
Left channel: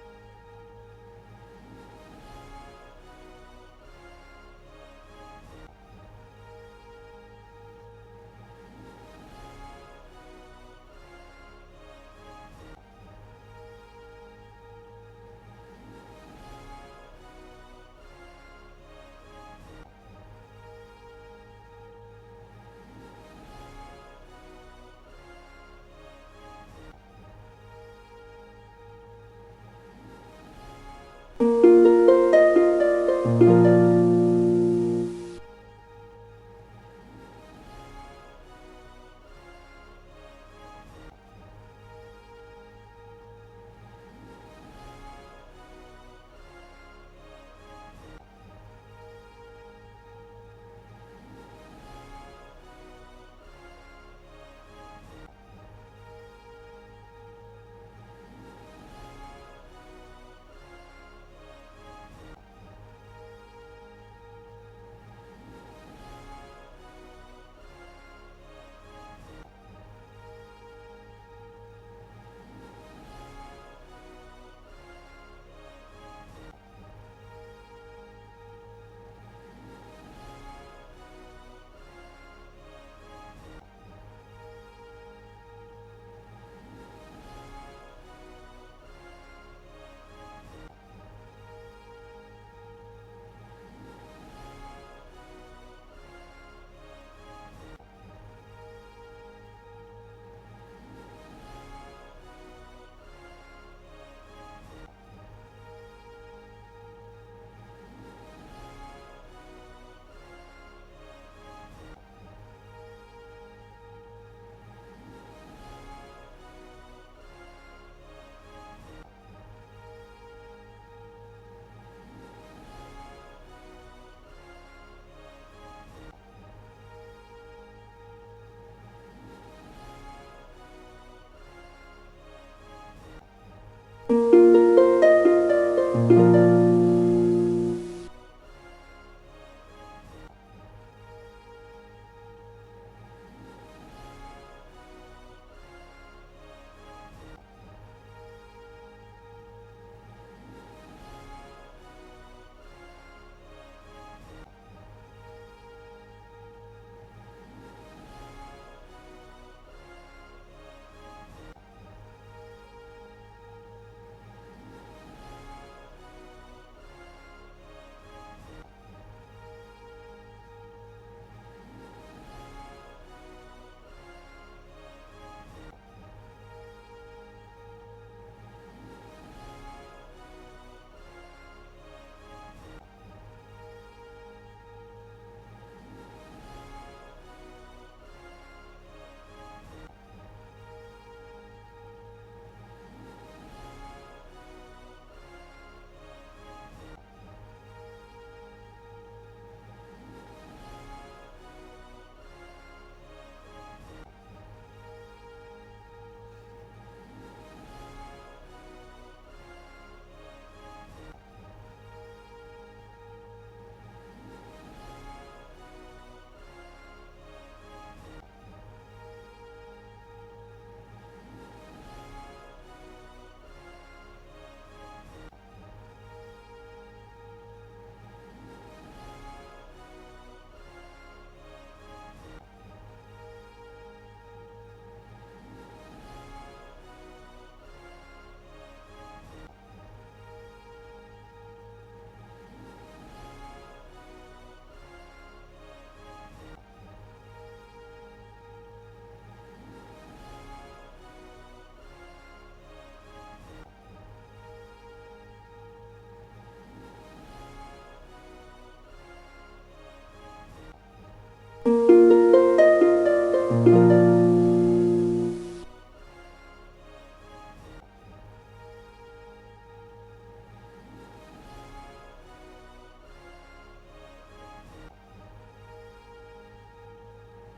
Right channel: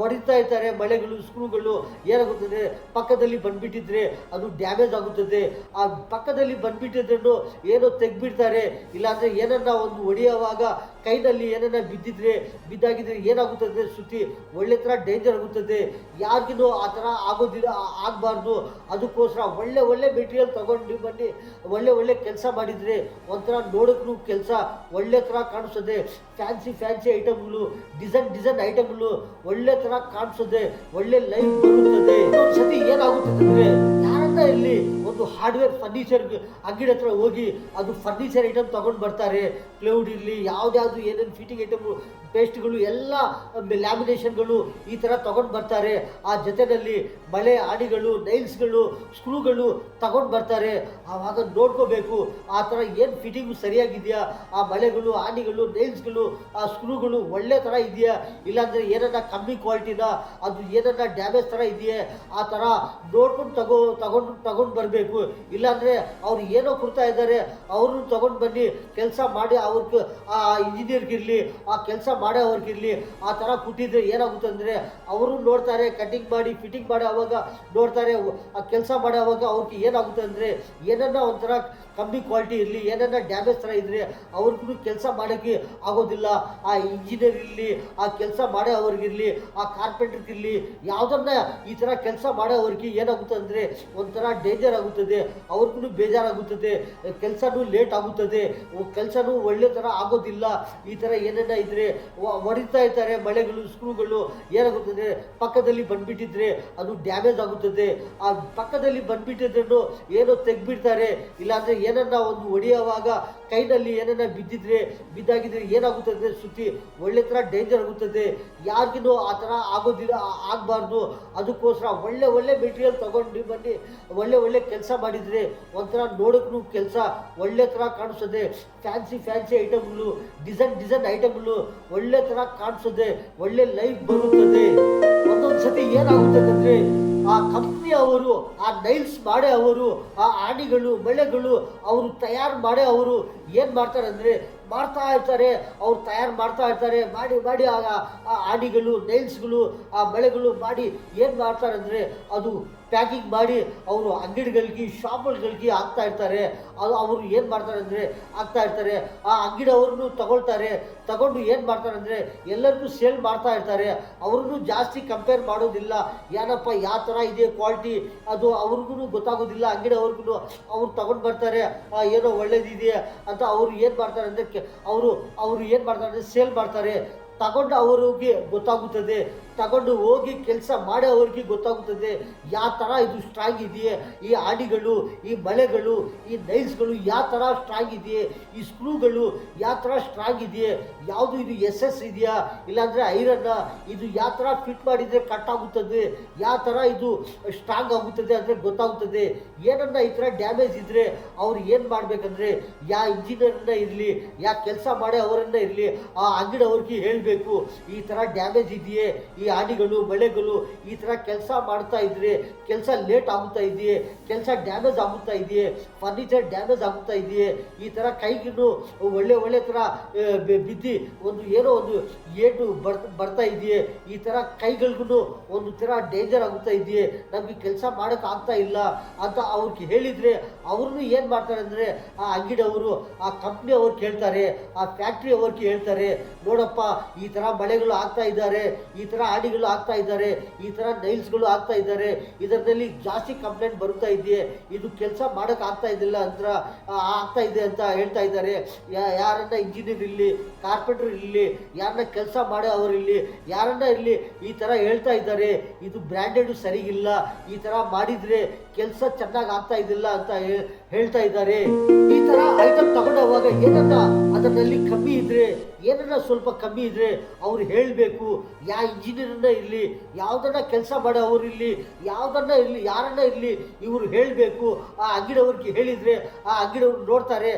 ಹೊಡಿತಾ ಇರ್ತಾರೆ ಮಳೆಗಳು ಸ್ಕ್ರೂಗಳು ಏನಾಗುತ್ತದೆ ಪಕ್ಕದಲ್ಲಿ ಬಂದ್ಬಿಟ್ಟಿದ್ರೆ ಅದು ಡ್ಯಾಮೇಜ್ ಆಗುತ್ತದೆ. ಆ ಪಕ್ಕದಲ್ಲಿ ಬಂದ್ಬಿಟ್ಟಿದ್ರೂ ಏನೋ ತೆಗ್ಬಿಡ್ತಾರೆ, ಇಲ್ಲಾಂದರೆ ಏನನ್ನ ಒಂದು ಹೊಡೆಯುವಾಗ ಕೈನಲ್ಲಿ ಏನನ್ನ ಬಿದ್ದಾಗಿದ್ರೆ ಏನಾಗುತ್ತದೆ ಸುತ್ತಿ ಒಳ್ಳೆ ಥರ ಡೇಂಜರ್ ಆಗುತ್ತದೆ. ಯಾರಿಗೂ ಆ ಥರ ಆಗಬಾರ್ದು. ಅದಕ್ಕೋಸ್ಕರ ಒಳ್ಳೆ ಮೆಟೀರಿಯಲ್ ತಗೊಂಡು ಬನ್ನಿ, ಒಳ್ಳೆ ಕೆಲಸ ಮಾಡಿದರೆ ಒಂಥರ ನೋಡೋಕ್ಕೂ ಕೆಲಸ ಒಳ್ಳೆ ಥರ ಕಾಣಿಸ್ತದೆ. ಫ್ಯಾನ್ಸಿ ಐಟಮ್ಗಳು ಡಿಸೈನ್ ಐಟಮ್ಗಳು ಒಳ್ಳೆ ಥರ ಕಾಣಿಸ್ತದೆ, ಒಳ್ಳೆ ಲೈಫ್ ಬರುತ್ತದೆ. ಒಂದ್ಸತಿ ಏನಾಗುತ್ತದೆ ಅಂದರೆ ಯಾರನ್ನ ಇಲ್ಲಿ ಒಂದು ಹಾರ್ಡ್ವೇರ್ ಫರ್ನಿಚರ್ ಅಂಗಡಿ ಹತ್ರ ಹೋಗಿ ಅದು ಫರ್ನಿಚರ್ ಐಟಮ್ ತೊಗೊಂಡು ಬರ್ತಾರೆ. ಪ್ಲೈವುಡ್ ಇರಲಿ, ಯಾವ್ದ್ಯಾವುದು ಏನೇನು ಫಿಟ್ಟಿಂಗ್ ಐಟಮು, ಪೇಸ್ಟ್ಗಳು ಎಲ್ಲ, ಲ್ಯಾಮಿನೇಷನ್ಗಳು ಈ ಥರ ತೊಗೊಂಡು ಬರ್ತಾರೆ. ಆ ಜೊತೆಯಲ್ಲಿ ಬಳೆ, ಆಣಿಗಳು, ನೈಲ್ಸ್ಗಳು, ಸ್ಕ್ರೂಗಳು ತಗೊಂಡು ಬರ್ತಾರೆ. ಆವಾಗ ನೋಡ್ಕೋಬೇಕು ಆ ಥರ ಏನು ಫಿಟ್ಟಿಂಗು ಸರಿಯಾಗಿದೆಯಾ, ಆ ಬಳೆಗಳು, ಆಣಿಗಳು, ನೈಲ್ಸ್ಗಳು, ಆ ಸ್ಕ್ರೂಗಳು ಒಳ್ಳೆ ಥರ ಇದೆಯಾ, ಇಲ್ಲಾಂದರೆ ಏನನ್ನ ಕಮ್ಮಿ ಕ್ವಾಲಿಟಿನ, ಅದು ಏನನ್ನ ಡ್ಯಾಮೇಜ್ ಥರ ಇದೆಯೇ, ಆ ಥರ ನೋಡ್ಕೊಂಡು ತಗೊಂಡು ಬರಬೇಕು. ಇಲ್ಲಾಂದರೆ ಅವ್ರು ಏನೋ ಕೊಡ್ತಾ ಇದ್ದಾರೆ ಅವ್ರನ್ನ ತೊಗೊಂಡು ಬನ್ನಿ, ಕೆಲಸ ಮಾಡಿ ಅವ್ರಿಗೆ, ಆ ಇಂಜಿನಿಯರ್ಗಿರಲಿ, ಆ ಕೆಲಸ ಮಾಡೋ ಅವ್ರಿಗಿರಲಿ, ಆ ಥರ ಕೊಟ್ಟಿದ್ರೆ ಏನಾಗುತ್ತೆ ಅಂದರೆ ಅವರು ನೋಡ್ತಾರೆ, ಕಟಿಂಗ್ ಮಾಡಿ ಫಿಟ್ಟಿಂಗ್ ಮಾಡಿ ಅವಾಗ ನೋಡ್ತಾರೆ. ಆ ಕೆಲಸ ಮಾಡೋವಾಗ ಅವ್ರಿಗೆ ಏನಾಗುತ್ತೆ ಅಂದರೆ ಏನನ್ನ ಒಂಥರ ಕಮ್ಮಿ ಕ್ವಾಲಿಟಿ ಇರಲಿ, ಏನನ್ನ ಡ್ಯಾಮೇಜ್ ಥರ ಇದ್ದರೆ ಅವ್ರಿಗೂ ಕೆಲಸ ಮಾಡೋಕ್ಕೆ ಆಗೋದಿಲ್ಲ. ಆ ಇಂಜಿನಿಯರ್ ಇರಲಿ, ಆ ಕೆಲಸ ಮಾಡೋ ಅವ್ರಿಗಿರಲಿ, ಆ ಕಾರ್ಪೆಂಟ್ರಿಗಿರಲಿ, ಯಾವುದನ್ನ ಈ ಥರ ಕೆಲಸ ಮಾಡೋ ಅವ್ರಿಗೆ ಏನಾಗುತ್ತೆ ಅಂದರೆ ಒಂಥರ ಡೇಂಜರ್ ಆಗುತ್ತದೆ, ಅವ್ರಿಗೂ ಬೇಜಾರಾಗುತ್ತದೆ, ಕೆಲಸನೂ ಲೇಟ್ ಆಗುತ್ತದೆ, ಕೆಲಸನೂ ಒಳ್ಳೆ ಥರ ಆಗೋದಿಲ್ಲ. ಈ ಥರ ಏನೇನ ಇದ್ದರೆ ಹೊಡಿತಾ ಇರ್ತಾರೆ ಮಳೆಗಳು, ಸ್ಕ್ರೂಗಳು, ಏನಾಗುತ್ತದೆ ಪಕ್ಕದಲ್ಲಿ ಬಂದುಬಿಟ್ಟಿದ್ರೆ ಅದು ಡ್ಯಾಮೇಜ್ ಆಗುತ್ತದೆ. ಆ ಪಕ್ಕದಲ್ಲಿ ಬಂದುಬಿಟ್ಟಿದ್ರೂ ಏನೋ ತೆಗ್ಬಿಡ್ತಾರೆ, ಇಲ್ಲಾಂದರೆ ಏನನ್ನ ಒಂದು ಹೊಡೆಯುವಾಗ ಕೈನಲ್ಲಿ ಏನನ್ನ ಬಿದ್ದಾಗಿದ್ರೆ ಏನಾಗುತ್ತದೆ, ಸುತ್ತಿ ಒಳ್ಳೆ ಥರ ಡೇಂಜರ್ ಆಗುತ್ತದೆ. ಯಾರಿಗೂ ಆ ಥರ ಆಗೋದಿಲ್ಲ, ಆಗಬಾರ್ದು. ಅದಕ್ಕೋಸ್ಕರ ಒಳ್ಳೆ ಮೆಟೀರಿಯಲ್ ತೊಗೊಂಡು ಬನ್ನಿ, ಒಳ್ಳೆ ಕೆಲಸ ಮಾಡಿದರೆ ಒಂಥರ ನೋಡೋಕ್ಕೂ ಕೆಲಸ ಒಳ್ಳೆ ಥರ ಕಾಣಿಸ್ತದೆ. ಫ್ಯಾನ್ಸಿ ಐಟಮ್ಗಳು, ಡಿಸೈನ್ ಐಟಮ್ಗಳು ಒಳ್ಳೆ ಥರ ಕಾಣಿಸ್ತದೆ, ಒಳ್ಳೆ ಲೈಫ್ ಬರುತ್ತದೆ. ಒಂದೊಂದು ಸತಿ ಏನಾಗುತ್ತದೆ ಅಂದರೆ ಆ ಕಂಪ್ನಿ ಅವರು, ಆ ನೈಲ್ಸ್ ಮಾಡೇ ಅವರು, ಆ ಆಣಿಗಳು, ಬಳೆಗಳು ಅವರು ತಯಾರು ಮಾಡೇ ಅವರು ಏನು ಮಾಡ್ತಾರೆ ಅಂದರೆ ಮಾಡ್ತಾ ಇರ್ತಾರೆ, ಅವ್ರು ತಯಾರು ಮಾಡ್ತಾ ಇರ್ತಾರೆ. ಮಾಡಿ ಆಗ ಆ ಆಣಿಗಳು, ನೈಲ್ಸ್ಗಳು, ಆ ಬಳೆಗಳು ಮಾಡಿ ಏನು ಮಾಡ್ತಾರೆ ಅಂದರೆ ಅದು ಪ್ಯಾಕಿಂಗ್ ಮಾಡಿ ಅವರು ಅಂಗಡಿಗಳಿಗೆ, ಶಾಪ್ಗಳಿಗೆ ಹಾಕ್ತಾ ಇರ್ತಾರೆ. ಅದು ಅವರು ಏನು ಮಾಡ್ತಾರೆ ಅಂದರೆ ಹಾಕ್ತಾ ಇರ್ತಾರೆ. ಆ ಅಂಗಡಿಯವ್ರನ್ನು ತಗೊಂಡು ಏನು ಮಾಡ್ತಾರೆ ಅಂದರೆ ಎಲ್ಲರಿಗೂ ಸೇಲ್ ಮಾಡ್ತಾ ಇರ್ತಾರೆ. ಅವ್ರಿಗೂ ಜಾಸ್ತಿ ಕಂಪೇರ್ ಮಾಡೋದಿಲ್ಲ, ಏನಪ್ಪ ಯಾವ ಥರ ಇದೆ ಕ್ವಾಲಿಟಿ ಅದು ಅವ್ರಿಗೂ ಗೊತ್ತಾಗೋದಿಲ್ಲ. ಅಂಗಡಿಯವ್ರಿಗೂ ಅವ್ರು ತಗೊಂಡು ಬರ್ತಾರೆ, ಏನೋ ಒಳ್ಳೇದಿದೆ ಅಂತ ಅವ್ರು ಏನು ಮಾಡ್ತಾರೆ ಅಂದರೆ ಅವರು ಏನು ಮಾಡ್ತಾರೆ ಅಂದರೆ ಸೇಲ್ ಮಾಡ್ತಾರೆ. ತಗೊಂಡು ಅವ್ರಿಗೆ ಗೊತ್ತಾಗುತ್ತದೆ, ತಗೊಂಡು ಹೋಗಿ ಕೆಲಸ ಮಾಡೋ ಅವ್ರಿಗೆ ಗೊತ್ತಾಗುತ್ತದೆ ಯಾವ ಥರ ಇದು ಸ್ಟ್ರಾಂಗ್ ಇದೆಯೇ, ಈ ಆಣಿಗಳು, ಈ ಬಳೆಗಳು, ಈ ನೈಲ್ಸ್ಗಳು ಯಾವ ಥರ ಸ್ಟ್ರಾಂಗ್ ಇದೆಯೇ, ಈ ಸ್ಕ್ರೂಗಳು ಯಾವ ಥರ ಸ್ಟ್ರಾಂಗ್ ಇದೆಯೇ, ಯಾವುದು ಇದು SS ಇದೆಯಾ, ಇಲ್ಲಾಂದರೆ ಐರನ್ನ, ಇದು ಯಾವ ಥರ ಫಿಟ್ ಮಾಡಿದರೆ ಕಟ್ ಆಗುತ್ತದೆ, ಯಾವ ಥರ ಇದು ಸ್ಟ್ರಾಂಗ್ ಆಗುತ್ತದೆ ಅಂದರೆ ಗೊತ್ತಾಗುತ್ತದೆ. ಏನನ್ನ ಈ ಥರ ಡ್ಯಾಮೇಜ್ ಇದ್ದರೆ ಅವ್ರು ಏನು ಮಾಡಬೇಕಂದ್ರೆ ಯಾ ಇಂಜಿನಿಯರ್ನ ಇರಲಿ, ಯಾ ಕೆಲಸ ಮಾಡೋ ಅವರನ್ನ ಇರಲಿ, ಆ ಅಂಗಡಿ ಅವ್ರಿಗೆ ಹೇಳಬೇಕು, ಈ ಥರ ಡ್ಯಾಮೇಜ್ ಇದೆಯೇ, ಈ ಆಣಿಗಳು, ಬಳೆಗಳು ಈ ಥರ ಕೆಲಸ ಮಾಡ್ತಾ ಇದ್ರೆ ಕೆಲಸ ಲೇಟ್ ಆಗುತ್ತಾ ಇದೆಯೇ, ಕೆಲಸ ಡ್ಯಾಮೇಜ್ ಆಗುತ್ತಾ ಇದೆಯೇ, ಫರ್ನಿಚರ್ ಡ್ಯಾಮೇಜ್ ಆಗುತ್ತಾ ಇದೆಯೇ, ಈ ಥರ ಕೈಗಿನ್ನು ಒಳ್ಳೆ ಥರ ಬಿದ್ದು ಏನೋ ಒಂದು ಏಟು ಬರ್ತಾ ಇದೆಯೇ, ಈ ಥರ ಕೈಗಳಿಗೂ ಒಂದು ಥರ ಡೇಂಜರ್ ಆಗುತ್ತಾ ಇದೆಯೇ, ನಮಗೆ ಕೆಲಸ ಮಾಡೋಕ್ಕೆ ಆಗ್ತಾ ಇಲ್ಲ ಅಂತ ಅವ್ರಿಗೆ ಹೇಳಿದರೆ ಅವ್ರನ್ನೂ ಏನು ಮಾಡ್ತಾರೆ ಅಂದರೆ ಆ ಅಂಗಡಿಯವರು, ಆ ಕಂಪ್ನಿ ಅವ್ರು ಕೇಳ್ತಾರೆ, ಆ ಫ್ಯಾಕ್ಟ್ರಿ ಅವ್ರಿಗೆ ಹೇಳ್ತಾರೆ, ನೋಡಪ್ಪ ಈ ಥರ ಬಳೆಗಳು ಆಗ್ತಾ ಇದ್ದಾರೆ, ಈ ಥರ ಆಡಿಗಳು ಆಗ್ತಾ ಇದ್ದಾರೆ, ಈ ಥರ ನೈಲ್ಸ್ಗಳು ಆಗ್ತಾ ಇದ್ದಾರೆ, ಇದರಲ್ಲಿ ಜಾಸ್ತಿ ಕಂಪ್ಲೇಂಟ್ ಬರುತ್ತಾ ಇದೆಯೇ, ಇದು ಕೆಲಸ ಮಾಡೋಕ್ಕೆ ಆಗ್ತಾ ಇದ್ದಿಲ್ಲ ಅಂತ ಆಗ್ತಾ ಇದೆ ಅಂತ ಹೇಳ್ತಾ ಇದ್ದಾರೆ. ಯಾರನ್ನ ಇಂಜಿನಿಯರ್ ಇರಲಿ, ಕಾರ್ಪೆಂಟ್ರ್ ಇರಲಿ, ಯಾರನ್ನ ಕೆಲಸ ಮಾಡೋ ಅವರಿರಲಿ, ಯಾರನ್ನ ಇರಲಿ ಈ ಥರ ಹೇಳ್ತಾ ಇದ್ದಾರೆ, ಇದು ಬ್ರ್ಯಾಂಡೆಡ್ ಸರಿಗಿಲ್ಲ, ಈ ಥರ ಮಾಡಿದರೆ ಕೆಲಸ ಚೆನ್ನಾಗಿ ಆಗ್ತಾ ಇದ್ದಿಲ್ಲ ಅಂತ ಹೇಳ್ತಾ ಇದ್ದಾರೆ. ಈ ಥರ ಐಟಮ್ ತಗೊಂಡೋವಾಗ ಏನನ್ನ ಅದರಲ್ಲಿ ಕಮ್ಮಿ ಇದ್ದರೆ, ಏನನ್ನ ಸ್ವಲ್ಪ ಕಮ್ಮಿ ಇದ್ದರೆ ಅವ್ರು ಹೇಳಬೇಕು. ಯಾವ ಇಂಜಿನಿಯರನ್ನ ಇರಲಿ, ಯಾವುದನ್ನ ಕೆಲಸ ಮಾಡೋ ಅವರಿರಲಿ, ಯಾವುದನ್ನ ಇರಲಿ, ಯಾರನ್ನ ಇರಲಿ ಇವರು ಹೇಳಬೇಕು. ಆ ಅಂಗಡಿಯವ್ರಿಗೆ ಹೇಳಿದರೆ ಆ ಅಂಗಡಿಯವ್ರು ನೋಡ್ತಾರೆ,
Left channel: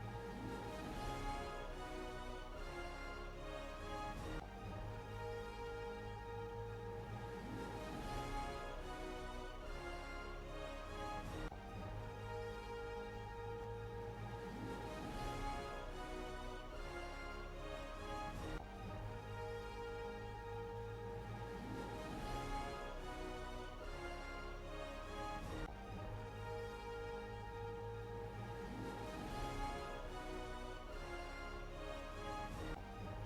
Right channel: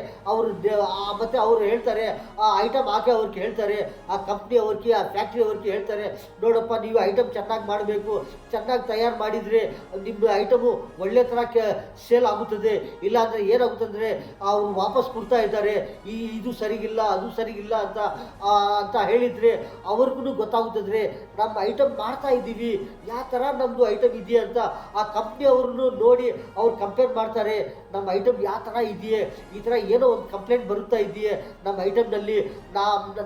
ಮತ್ತು ಅವರು ಹೇಳ್ತಾರೆ, ಆ ಐಟಮ್ ಹಾಕಿ ಅವ್ರಿಗೆ ಹೇಳ್ತಾರೆ, ಆ ಕಂಪ್ನಿ ಅವ್ರಿಗೆ, ಆ ಫ್ಯಾಕ್ಟ್ರಿ ಅವ್ರಿಗೆ ಹೇಳ್ತಾರೆ, ನೋಡಪ್ಪ ನೀವು ಐಟಮ್ ಚೆನ್ನಾಗಿ ಮಾಡಬೇಕು, ಚೆನ್ನಾಗಿ ತಯಾರು ಮಾಡಿದರೆ ನಿಮ್ಮ ಐಟಮು ಒಳ್ಳೆ ಥರ ಸೇಲ್ ಆಗುತ್ತದೆ, ಇಲ್ಲಾಂದರೆ ಏನಾಗುತ್ತೆ ಅಂದರೆ ಅವರು ವಾಪಸ್ ಕೊಡ್ತಾ ಇದ್ದಾರೆ, ಇದು ಸರಿಗಿಲ್ಲ, ಅದು ಸರಿಗಿಲ್ಲ ಅಂತ ಹೇಳಿದರೆ ಅವ್ರಿಗೂ ಗೊತ್ತಾಗುತ್ತದೆ ನಮ್ಮ ಐಟಮ್ ಮಾಡ್ತಾ ಇದ್ದೀವಿ, ಯಾವ ಥರ ನಮ್ಮದು ಐಟಮ್ ಇದೆಯಾ ಅಂತ. ಆ ಕಂಪ್ನಿ ಅವ್ರನ್ನು ನೋಡಿ ಅವ್ರು ಕಂಪೇರ್ ಮಾಡ್ತಾರೆ, ನಮ್ಮ ಐಟಮ್ ಯಾವ ಥರ ಇದೆಯೇ, ಈ ಥರ ಏನೋ ಒಂದು ಕಂಪ್ಲೇಂಟ್ ಬರುತ್ತಾ ಇದೆಯೇ ನಮ್ಮ ಐಟಮ್ನಲ್ಲಿ,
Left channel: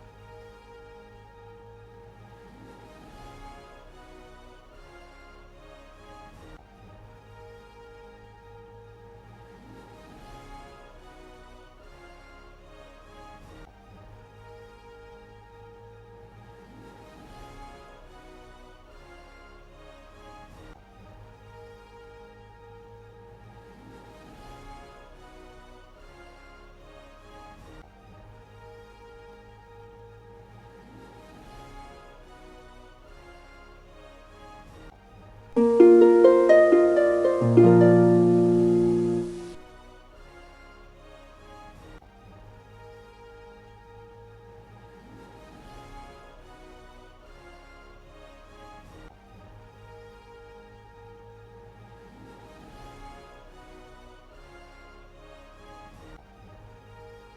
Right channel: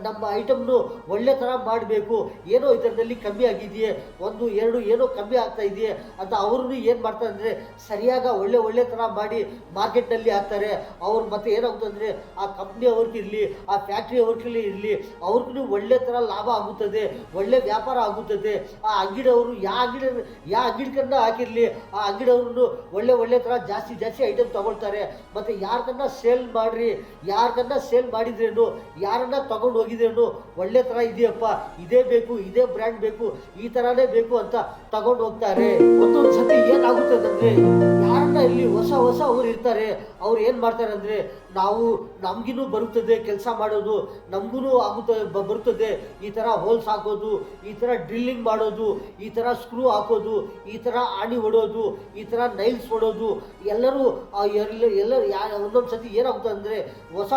ನಮ್ಮ ಐಟಮ್ನು ಒಳ್ಳೆ ಥರ ಮಾಡಬೇಕು, ಏನೋ ಇದರಲ್ಲಿ ಕಮ್ಮಿ ಆಗಿದೆಯೇ, 1 2 ಏನೋ ಕಮ್ಮಿ ಆಗ್ತಾ ಇದೆಯೇ ಅಂತ ಅವ್ರನ್ನೂ ಏನು ಮಾಡ್ತಾರೆ ಅಂದರೆ ಸರಿಯಾಗಿ ಒಳ್ಳೆ ಥರ ಮಾಡಿ ಮಾರ್ಕೆಟ್ನಲ್ಲಿ ಹಾಕ್ತಾರೆ. ಅವ್ರು ಮತ್ತೆ ಏನಾಗುತ್ತೆ ಅಂದರೆ ಆ ಕಂಪ್ನಿ ಅವ್ರಿಗಿರಲಿ, ಆ ಫ್ಯಾಕ್ಟ್ರಿ ಅವ್ರಿಗೆ ಇರಲಿ, ಇರಲಿ ಅವ್ರಿಗೂ ಒಳ್ಳೆ ಥರ ಲಾಭ ಆಗುತ್ತದೆ, ಒಳ್ಳೆ ವ್ಯಾಪಾರ ಆಗುತ್ತದೆ. ಆ ಅಂಗಡಿಯವರು ಯಾವ ಅಂಗಡಿಕನ್ನ ಹಾಕಿರಲಿ ಆ ಅಂಗಡಿಯವ್ರನ್ನು ಒಳ್ಳೆ ಥರ ಜಾಸ್ತಿ ಐಟಮ್ ತಗೊಳ್ತಾರೆ. ಮತ್ತು ಯಾರಿಗನ್ನ ಸೇಲ್ ಮಾಡಿದ್ರೇನು, ಯಾರನ್ನ ತಗೊಂಡು ಹೋಗಿದ್ರೇನು ಒಳ್ಳೆ ಥರ ಇದೆಯಪ್ಪ, ಇದೇ ಬೇಕು, ಇದೇ ಬ್ರ್ಯಾಂಡ್ ಬೇಕು, ಈ ಥರನೇ ಬೇಕು ಅಂತ ತಗೊಂಡು ಹೋಗ್ತಾರೆ. ಒಂದೊಂದು ಸತಿ ಏನಾಗುತ್ತದೆ ಅಂದರೆ ಯಾರನ್ನ ಇಲ್ಲಿ ಹೊಸ ಅವ್ರು ಇರ್ತಾರೆ, ಅವ್ರು ಏನು ಮಾಡ್ತಾರೆ ಅಂದರೆ ನಮಗಿನ್ನೂ ಬರುತ್ತದೆ ಕೆಲಸ ಮಾಡೋದು, ನಮಗೂ ಬರುತ್ತದೆ ಈ ಥರ ಹೋಲ್ಸ್ ಹಾಕೋದು, ಈ ಥರ ಡ್ರಿಲ್ಲಿಂಗ್ ಮಾಡೋದು, ಈ ಥರ ಸ್ಕ್ರೂ ಹಾಕೋದು, ಈ ಥರ ಆಣಿ ಹೊಡೋದು, ಈ ಥರ ನೈಲ್ಸ್ ಹೊಡೋದು. ಎಲ್ಲರೂ ಒಂದೊಂದು ಸತಿ ಏನಾಗುತ್ತೆ ಅಂದರೆ ಹೊಸ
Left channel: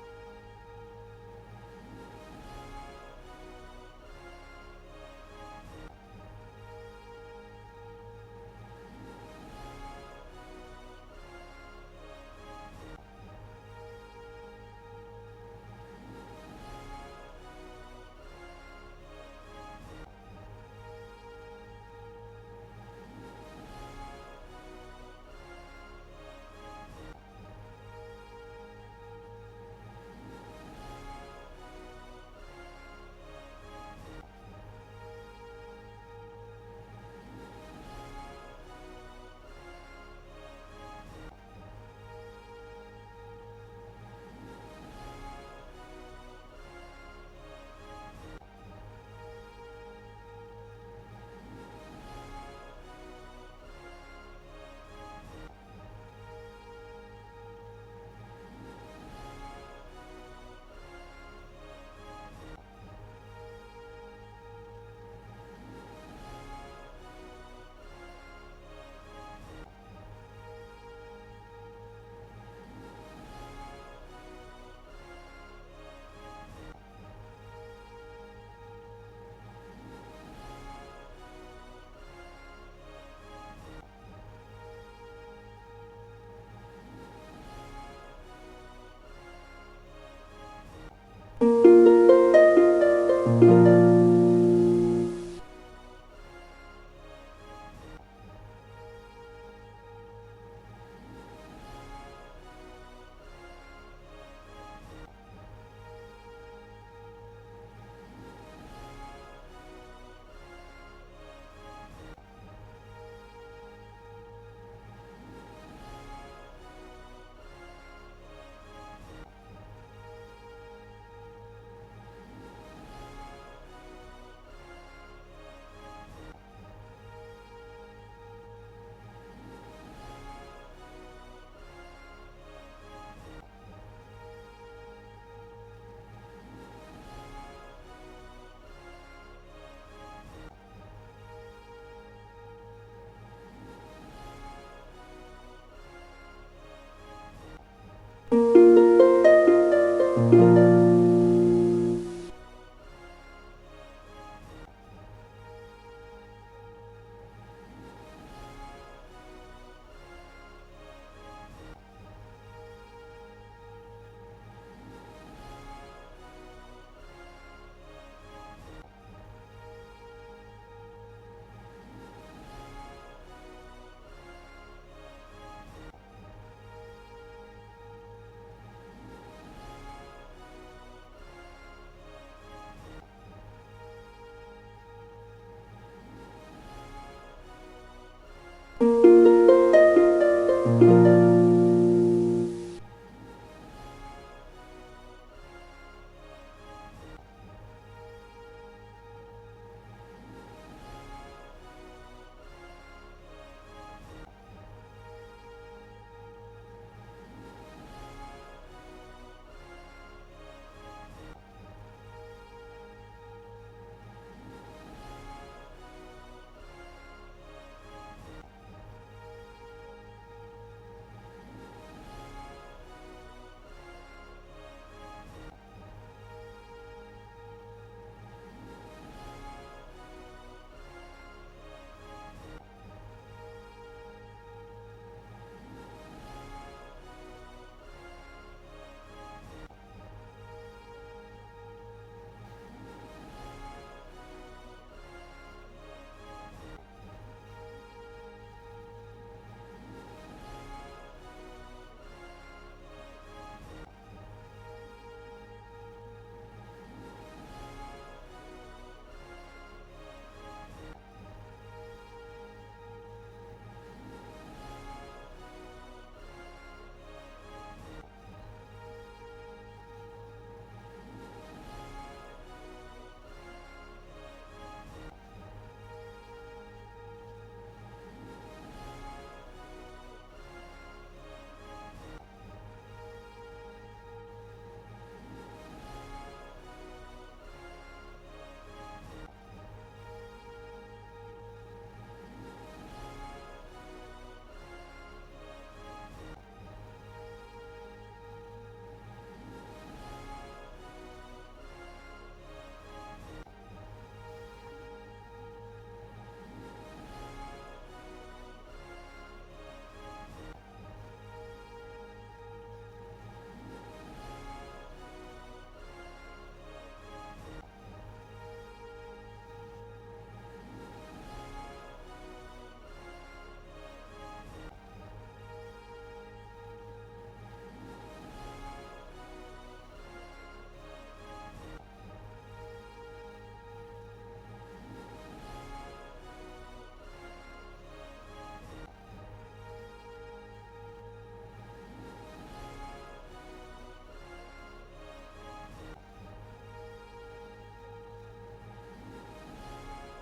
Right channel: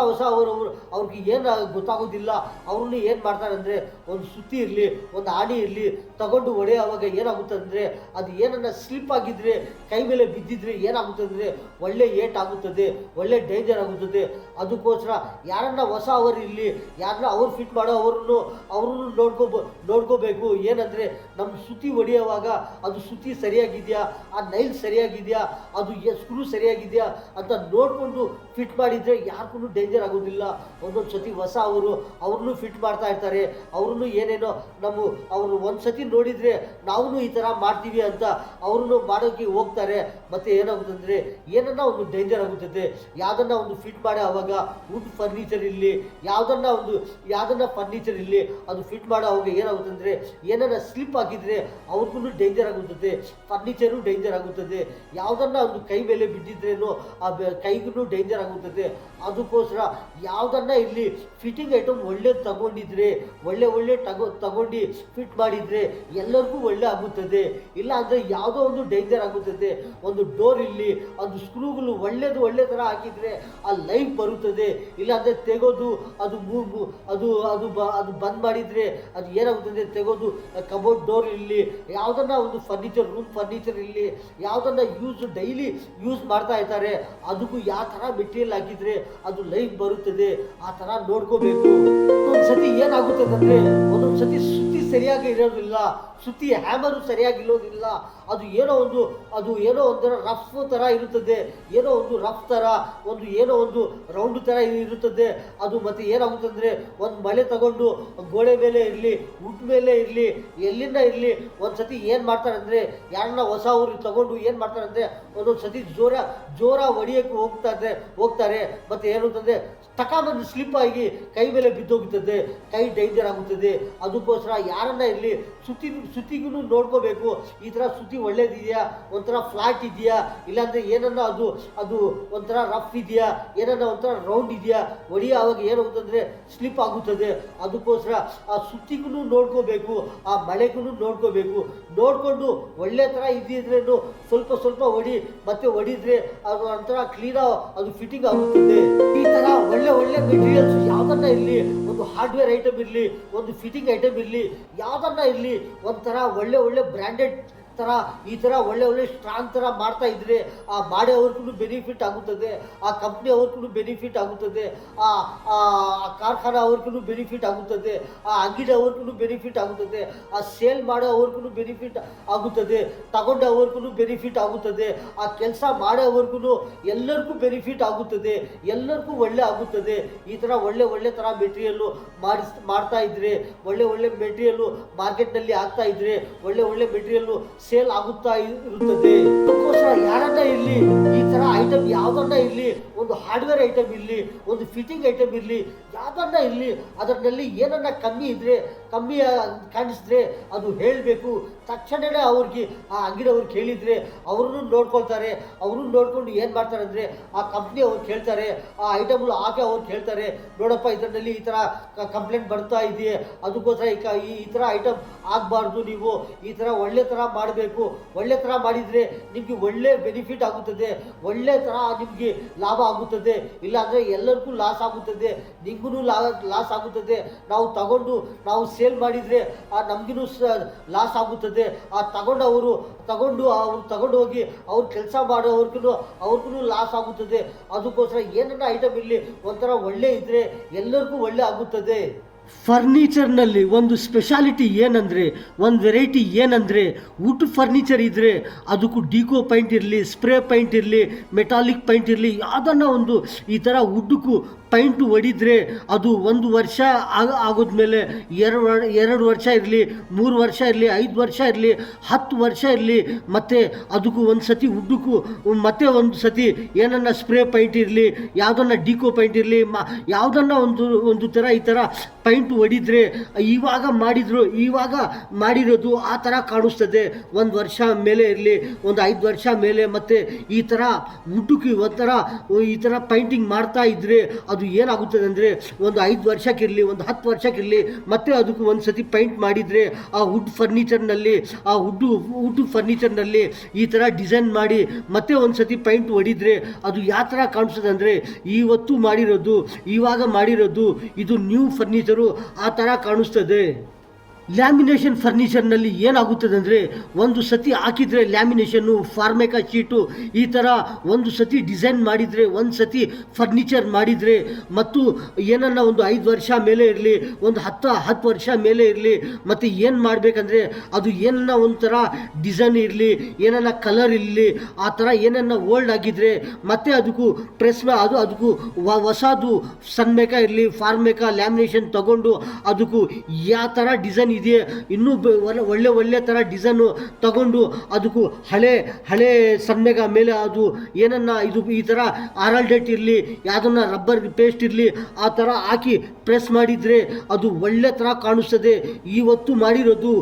ಅವ್ರಿಗೆ ಏನು ಗೊತ್ತಾಗೋದಿಲ್ಲ. ಅವ್ರನ್ನ ಏನು ಮಾಡ್ತಾರೆ ಅಂದರೆ ಒಂದು ಸುತ್ತಿ ಇರಲಿ, ಒಂದು ಆಣಿ ಇರಲಿ ತಗೊಂಡು ಹೊಡೆಯುವಾಗ ಏನಾಗುತ್ತೆ ಅಂದರೆ ಅದು ಏನನ್ನ ಸ್ಲಿಪ್ ಆಗಿದ್ರೆ, ಕೈ ಮೇಲೆ ಬಿದ್ದಿದ್ರೆ ಏನಾಗುತ್ತೆ ಅಂದರೆ ಒಳ್ಳೆ ಏಟ್ ಆಗುತ್ತದೆ, ಒಳ್ಳೆ ಡೇಂಜರ್ ಆಗುತ್ತದೆ. ಅದಕ್ಕೋಸ್ಕರ ಯಾರನ್ನ ಅವರು ಇಲ್ಲಿ ಯಾರನ್ನ ಅವ್ರು ಫಿಟ್ ಮಾಡೋ ಅವ್ರನ್ನು ನೋಡ್ಕೋಬೇಕು. ಏನಂದರೆ ನಮ್ಮ ಸುತ್ತಿ ಹೊಡೆಯುವಾಗ ಅದು ಸುತ್ತಿ ಸರಿಯಾಗಿದೆಯಾ, ಆ ನೈಲ್ ಸರಿಯಾಗಿದೆಯಾ, ಅದು ಸ್ಕ್ರೂ ಸರಿಯಾಗಿದೆಯಾ ಅಂತ ನೋಡಿಕೊಂಡು ಫಿಟ್ ಮಾಡಿದರೆ ಯಾರಿಗೂ ಡೇಂಜರ್ ಆಗೋದಿಲ್ಲ. ಒಂದೊಂದು ಸತಿ ಅವ್ರನ್ನೂ ಫಿಟ್ ಮಾಡ್ತಾ ಇರ್ತಾರೆ. ಅವ್ರನ್ನೂ ಏನೇನೋ ಅವರು ಒಂದು ಸತಿ ನೋಡಿದರೆ ನಾವು ಈ ಥರ ಮಾಡ್ತೀವಿ ಅಂತ ಅವ್ರನ್ನು ಮಾಡೋಕ್ಕೆ ಹೋಗ್ತಾರೆ. ಮತ್ತು ಏನಾಗುತ್ತೆ ಅಂದರೆ ಏನನ್ನ ಒಂದು ಡೇಂಜರ್ ಆಗುತ್ತದೆ. ಯಾವುದನ್ನ ಒಂದು ಫಿಟ್ ಮಾಡಿ ಆವಾಗ ವುಡ್ ಫರ್ನಿಚರ್ ಇರಲಿ, ಯಾವುದನ್ನ ಫರ್ನಿಚರ್ ಇರಲಿ ಅದು ಫಿಟ್ ಮಾಡೋ ಅವಾಗ ಏನಾಗುತ್ತೆ ಅಂದರೆ ಏನನ್ನ ಸ್ಲಿಪ್ ಆಗಿದ್ರೆ ಅವ್ರಿಗೂ ಡೇಂಜರ್ ಆಗುತ್ತದೆ, ಫರ್ನಿಚರು ಡೇಂಜರ್ ಆಗುತ್ತದೆ. ಯಾವುದನ್ನ ಒಂದು ಕೈ ಮೇಲೆ ಬಿದ್ದಿದ್ರೇನೋ ಆ ಕೈಗೂ ಡೇಂಜರ್ ಆಗುತ್ತದೆ. ಅದಕ್ಕೋಸ್ಕರ ಯಾವುದನ್ನ ಇಲ್ಲಿ ಫಿಟ್ಟಿಂಗ್ ಐಟಮ್ ಒಳ್ಳೇದು ತಗೊಂಡಿದ್ರೆ ಒಳ್ಳೆ ತಗೊಂಡು ಫಿಟ್ ಮಾಡಿದರೆ ಎಲ್ಲರಿಗೂ ಒಳ್ಳೆ ಆಗುತ್ತದೆ. ಇಲ್ಲ ಅಂದರೆ ಯಾವುದೋ ಒಂದು ಡೇಂಜರ್ ಆಗುತ್ತದೆ. ಒಂದು ಡೋರ್ ಇಲ್ಲಿ ಅದು ಸ್ಕ್ರೂಗಳು ಒಳ್ಳೆ ಥರ ಹಾಕಿದರೆ ಆ ಲೈಫ್ ಬರುತ್ತದೆ. ಇಲ್ಲಾಂದರೆ ತೆಗೋದು ಅದು ಬಂದ್ ಮಾಡಿದರೆ ಅದು ಏನಾಗುತ್ತದೆ, ತೆಗೋದು ಕಬೋರ್ಡ್ ಡೋರ್ ಇಲ್ಲಿ ಯಾವುದನ್ನ ಒಂದು ರೂಮ್ ಫರ್ನಿಚರ್ ಇಲ್ಲಿ ಯಾವುದನ್ನ ಡೈಲಿ ಯೂಸ್ ಮಾಡ್ತಾ ಇರ್ತಾರೆ ಅದಕ್ಕೂ ಯಾವ ಥರ ಮೆಟೀರಿಯಲ್ ಹಾಕಿದರೆ ಅದು ಲೈಫ್ ಬರುತ್ತದೆ. ಆ ಥರ ನೋಡ್ಕೋಬೇಕು. ಒಂದೊಂದ್ಸತಿ ಏನಾಗುತ್ತದೆ ಅಂದರೆ ಒಂದೊಂದ್ಸತಿ ಸುತ್ತಿ ಸರಿಯಾಗಿ ಇರೋದಿಲ್ಲ, ಸುತ್ತಿ ಹ್ಯಾಮರು ಸರಿಯಾಗಿರೋದಿಲ್ಲ. ಅದು ಏನೋ ಒಂಥರ ರಫ್ ಥರ ಇರುತ್ತದೆ, ಏನೋ ಒಂದು ರಫ್ ಥರ ಏನೋ ಒಂದು ರೌಂಡ್ ಥರ ಇರುತ್ತದೆ. ಅದು ಮತ್ತು ಏನಾಗುತ್ತಂದರೆ ಒಂದು ಮಳೆ ತಗೊಂಡು ಗೋಡೆ ಮೇಲೆ ಇರಲಿ, ವುಡ್ ಮೇಲೆ ಇರಲಿ, ಎಲ್ಲಿಂದ ಇರಲಿ ಒಂದು ಸತಿ ಏನು ಮಾಡ್ತಾರೆ ಅಂದರೆ ಯಾರನ್ನ ಊರು ತಗೊಂಡು ಏನು ಮಾಡ್ತಾರೆ ಅಂದರೆ ಒಂದೊಂದು ಸತಿ ಜೋರ ಹೊಡಿಯೋಕ್ಕೆ ಹೋಗ್ತಾರೆ. ಮತ್ತು ಏನಂತಂದರೆ ಟಕಾಮಂದು ಸ್ಲಿಪ್ ಆಗಿ ಕೈ ಮೇಲೆ ಬಿದ್ದೋಗುತ್ತದೆ, ಕೈ ಡೇಂಜರ್ ಆಗುತ್ತದೆ. ಅದಕ್ಕೋಸ್ಕರ ಯಾರನ್ನ ಇರಲಿ ಸುತ್ತಿಗೂ ನೋಡ್ಕೋಬೇಕು. ಈ ಥರ ಸುತ್ತಿ ಒಳ್ಳೇದಿದೆಯಾ, ಒಂಥರ ಫ್ಲಾಟ್ ಇದೆಯಾ, ಇಲ್ಲಾಂದರೆ ಏನನ್ನ ಅದು ಒಂಥರ ರಫ್ ಇದೆಯಾ, ಏನನ್ನ ಒಂಥರ ರೌಂಡ್ ಇದೆಯಾ, ಆವಾಗ ಏನಾಗುತ್ತಂದರೆ ಸ್ಲಿಪ್ ಆಗುತ್ತದೆ. ಅದಕ್ಕೋಸ್ಕರ ಆ ಸುತ್ತಿಗೂ ನೋಡ್ಕೋಬೇಕು, ಆ ಮಳೆಗೂ ನೋಡ್ಕೋಬೇಕು. ನೋಡಿಕೊಂಡು ಒಳ್ಳೆ ಥರ ಇದ್ದಿದ್ರೇನು ಸ್ವಲ್ಪ ಹೊಡಿದ್ರೆ ಅದು ಒಂಥರ ಅದು ಫಿಟ್ಟಿಂಗ್ ಆಗುತ್ತದೆ. ಈ ಥರ ಒಳ್ಳೆ ಮೆಟೀರಿಯಲ್ಸ್ ಯಾವುದನ್ನ ಇರಲಿ, ಒಂದು ಹಾರ್ಡ್ವೇರ್ ಐಟಮ್ ಇರಲಿ, ಒಂದು ಫಿಟ್ಟಿಂಗ್ ಐಟಮ್ ಇರಲಿ, ಯಾವುದನ್ನ ಇರಲಿ ಒಂಥರ ಒಳ್ಳೆ ಬ್ರ್ಯಾಂಡೆಡ್ ಥರ ಈ ಥರ ಒಳ್ಳೆ ಸ್ಟ್ರಾಂಗ್ ಥರ ಮಾಡ್ತಾ ಇದ್ರೆ ಆ ಮಾಡೋವ್ರಿಗೂ ಬೆನಿಫಿಟ್ ಆಗುತ್ತದೆ, ಆ ಕಂಪ್ನಿ ಅವ್ರಿಗೂ ಬೆನಿಫಿಟ್ ಆಗುತ್ತದೆ, ಆ ಕಾರ್ಖಾನೆ ಅವ್ರಿಗೂ ಬೆನಿಫಿಟ್ ಆಗುತ್ತದೆ, ಆ ಅಂಗಡಿ ಅವ್ರಿಗೂ ಬೆನಿಫಿಟ್ ಆಗುತ್ತದೆ, ಆ ಸೇಲ್ ಮಾಡೋ ಅವ್ರಿಗೂ ಬೆನಿಫಿಟ್ ಆಗುತ್ತದೆ, ತಗೊಂಡವ್ರಿಗೂ ಬೆನಿಫಿಟ್ ಆಗುತ್ತದೆ, ಆ ಕೆಲಸ ಮಾಡೋವ್ರಿಗೂ ಎಲ್ಲರಿಗೂ ಬೆನಿಫಿಟ್ ಆಗುತ್ತದೆ, ಎಲ್ಲರಿಗೂ ಒಳ್ಳೆ ಆಗುತ್ತದೆ. ಈ ಥರ ಒಳ್ಳೆ ಥರ ಮೆಟೀರಿಯಲ್ಲು ಮಾಡ್ತಾ ಇದ್ರೆ, ಒಳ್ಳೆ ಮೆಟೀರಿಯಲ್ಲು ಮಾರ್ಕೆಟ್ನಲ್ಲಿ ಆಗ್ತಾ ಇದ್ರೆ, ಒಳ್ಳೆ ಮೆಟೀರಿಯಲ್ಲು ಸೇಲ್ ಆಗುತ್ತಾ ಇರುತ್ತದೆ. ಯಾರನ್ನ ಇರಲಿ ಈ ಥರ ಐಟಮ್ ಯಾವುದನ್ನ ಇರಲಿ, ಒಂದು ಹಾರ್ಡ್ವೇರ್ ಐಟಮ್ ಇರಲಿ, ಒಂದು ಫಿಟ್ಟಿಂಗ್ ಐಟಮ್ ಇರಲಿ, ಯಾವುದನ್ನ ಇರಲಿ ಅದರಲ್ಲಿ ಏನನ್ನ ಕಮ್ಮಿ ಕಾಣಿಸಿದ್ರೆ ಅದು ಹೇಳಬೇಕು. ತಕ್ಷಣವೇ ಅವ್ರಿಗೆ ಆ ಅಂಗಡಿಯವ್ರಿಗೆ ಹೇಳಿದರೆ ಅವ್ರನ್ನೂ ನೋಡ್ಕೊಳ್ತಾರೆ. ಅವ್ರನ್ನ ನೋಡ್ಕೊಂಡು ಏನು ಮಾಡ್ತಾರೆ ಅಂದರೆ ಆ ಕಂಪ್ನಿ ಅವ್ರು ಕೇಳ್ತಾರೆ, ಆ ಐಟಮ್ಗಳು ಹಾಕಿ ಅವ್ರು ಕೇಳ್ತಾರೆ, ನೋಡಪ್ಪ ಇದರಲ್ಲಿ ಈ ಥರ ಕಂಪ್ಲೇಂಟ್ ಬರ್ತಾ ಇದೆಯೇ, ಅದಕ್ಕೋಸ್ಕರ ಈ ಥರ ಐಟಮ್ ಆಗಬಾರ್ದು, ನೀವು ಈ ಥರ ಒಳ್ಳೆ ಥರ ಮಾಡಬೇಕು, ಒಳ್ಳೆ ಥರ ಮಾಡಿದರೆ ನಿಮಗೆ ಒಳ್ಳೆ ಬೆನಿಫಿಟ್ ಆಗುತ್ತದೆ, ಒಳ್ಳೆ ಥರ ನಿಮಗೆ ಲಾಭ ಆಗುತ್ತದೆ. ಇಲ್ಲಾಂದರೆ ಎಲ್ಲರಿಗೂ ಲಾಸ್ ಆಗುತ್ತದೆ, ನಿಮಗೂ ಲಾಸ್ ಆಗುತ್ತದೆ. ನಾವು ನಾವು ಸೇಲ್ ಮಾಡಿದರೆ ನಮಗೂ ಲಾಸ್ ಆಗುತ್ತದೆ. ಆ ತಗೊಂಡು ಹೋಗಿ ಅವ್ರು ಕೆಲಸ ಮಾಡೋವ್ರಿಗೂ ಲಾಸ್ ಆಗುತ್ತದೆ. ಅದಕ್ಕೋಸ್ಕರ ಏನನ್ನ ಐಟಮ್ ಇರಲಿ ಒಂಥರ ಒಳ್ಳೆ ಇದ್ದರೆ ಎಲ್ಲರಿಗೂ ಒಳ್ಳೆ ಆಗುತ್ತದೆ. ಫರ್ನಿಚರ್ನಲ್ಲಿ ಒಂದು ಸ್ಪೆಷಾಲಿಟಿ ಏನಂದರೆ, ಒಂದು ವೆರೈಟಿ ಏನಂದರೆ ವುಡ್ ಫರ್ನಿಚರ್ ಇದ್ದರೆ ಅದಕ್ಕೂ ಡಿಕೋ ಪೈಂಟ್ ಇರಲಿ, ಸ್ಪ್ರೇ ಪೈಂಟ್ ಇರಲಿ, ಮೆಟಾಲಿಕ್ ಪೈಂಟ್ ಇರಲಿ, ಯಾವುದನ್ನ ಒಂದು ಈ ಥರ ವುಡ್ಗೂ ಪೈಂಟು ಹೊಡಿದ್ರೆ ಅದು 1 ವರ್ಷ ಆಗೋದ್ಮೇಲೆ 2 ವರ್ಷ ಇರಲಿ, 3 ವರ್ಷ ಇರಲಿ, 5 ವರ್ಷ ಇರಲಿ, 10 ವರ್ಷ ಇರಲಿ, ಮತ್ತು ಅದಕ್ಕೂ ಒಂದು ಸತಿ ಉದ್ದಕ್ಕೂ ಮತ್ತೆ ಒಂದು ಸತಿ ಏನನ್ನ ಸ್ಪ್ರೇ ಪೈಂಟ್ ಇರಲಿ, ಯಾವುದನ್ನ ಡಿಕೋ ಪೈಂಟ್ ಇರಲಿ, ಯಾವುದನ್ನ ಒಂದು ಥರ ಈ ಥರ ಪೈಂಟು ಹೊಡಿದ್ರೆ ಇವಾಗ ಮಾಡಿರೋದು ಆ ಥರ ಕಾಣಿಸ್ತದೆ. 1 ವರ್ಷ ಮೇಲೆ ಇರಲಿ, ಒಂದು 5 ವರ್ಷ ಮೇಲೆ, ಮತ್ತು ಈ ಥರ ಉದ್ದಕ್ಕೆ ಒಂಥರ ಈ ಥರ ಪೈಂಟಿಂಗ್ ಮಾಡ್ತಾ ಇದ್ದರೆ ಅದು ಏನಾಗುತ್ತದೆ ಅಂದರೆ ಒಂದು 5 ವರ್ಷಕ್ಕಿರಲಿ, ಒಂದು 10 ವರ್ಷಕ್ಕಿರಲಿ, ಮತ್ತೆ ಅದಕ್ಕೂ ಒಂದು ಸತಿ ಪೈಂಟ್ ಮಾಡಿದರೆ ಆ ವುಡ್ ಫರ್ನಿಚರ್ನಲ್ಲಿ ಈ ಥರ ಡಿಸೈನ್ ಮಾಡಿ ಮತ್ತೆ ಒಂದು ಸತಿ ಪೈಂಟ್ ಹೊಡಿದ್ರೆ ಅದು ಯಾವ ಥರ ಕಾಣಿಸ್ತದೆ ಅಂದರೆ ಇವಾಗ ಮಾಡಿರೋದು ಇದು ನ್ಯೂ ಫರ್ನಿಚರು ಆ ಥರ ಕಾಣಿಸ್ತದೆ. ಲ್ಯಾಮಿನೇಷನ್ ಫರ್ನಿಚರ್ನಲ್ಲಿ ಏನಾಗುತ್ತದೆ ಅಂದರೆ ಒಂದು ಸತಿ ಹಾಕಿದರೆ ಲ್ಯಾಮಿನೇಷನ್ನು, ಫಾರ್ಮೆಕಾ ಶೀಟು ಈ ಥರ ಒಂದು ಸತಿ ಡಿಸೈನ್ ಮಾಡಿದರೆ, ಒಂದು ಸತಿ ಫರ್ನಿಚರ್ ಮಾಡಿದರೆ, ಮತ್ತು ಏನನ್ನ ಒಂದು 5 ವರ್ಷ ಮೇಲೆ ಇರಲಿ, ಒಂದು 10 ವರ್ಷ ಮೇಲೆ ಇರಲಿ, ಮತ್ತು ಏನು ಮಾಡಬೇಕಂದ್ರೆ ಅದು ಏನನ್ನ ಒಂಥರ ಡಿಸೈನ್ ಇರಲಿ, ಏನನ್ನ ಕಲರ್ ಇರಲಿ, ಆ ಥರ ಏನನ್ನ ಓಲ್ಡ್ ಆಗಿದ್ದರೆ ಮತ್ತೆ ಅದಕ್ಕೂ ಅದಕ್ಕೂ ಹೊಸದು ಸನ್ಮೇಕಾ ಇರಲಿ, ಫಾರ್ಮೆಕಾ ಲ್ಯಾಮಿನೇಷನ್ ತಗೊಂಡು ಅದಕ್ಕೂ ಯಾವ ಥರ ಡಿಸೈನ್ ಇದೆ ಇನ್ನೂ ಒಳ್ಳೆ ಥರ ಡಿಸೈನು ತಗೊಂಡು ಅದಕ್ಕೂ ಹಳೆ ಸನ್ಮೇಗ ಮೇಲೆ ಅದು ಏನನ್ನ ಈ ಥರ ಆರಲ್ಡೇಟ್ ಇರಲಿ, ಯಾವುದನ್ನ ರಬ್ಬರ್ ಪೇಸ್ಟ್ ಇರಲಿ, ಆ ಥರ ಹಾಕಿ ಪ್ರೆಸ್ ಮಾಡಿದರೆ ಅದು ಒಳ್ಳೆ ಥರ ಕಾಣಿಸ್ತದೆ. ಇವತ್ತು ಮಾಡಿರೋದು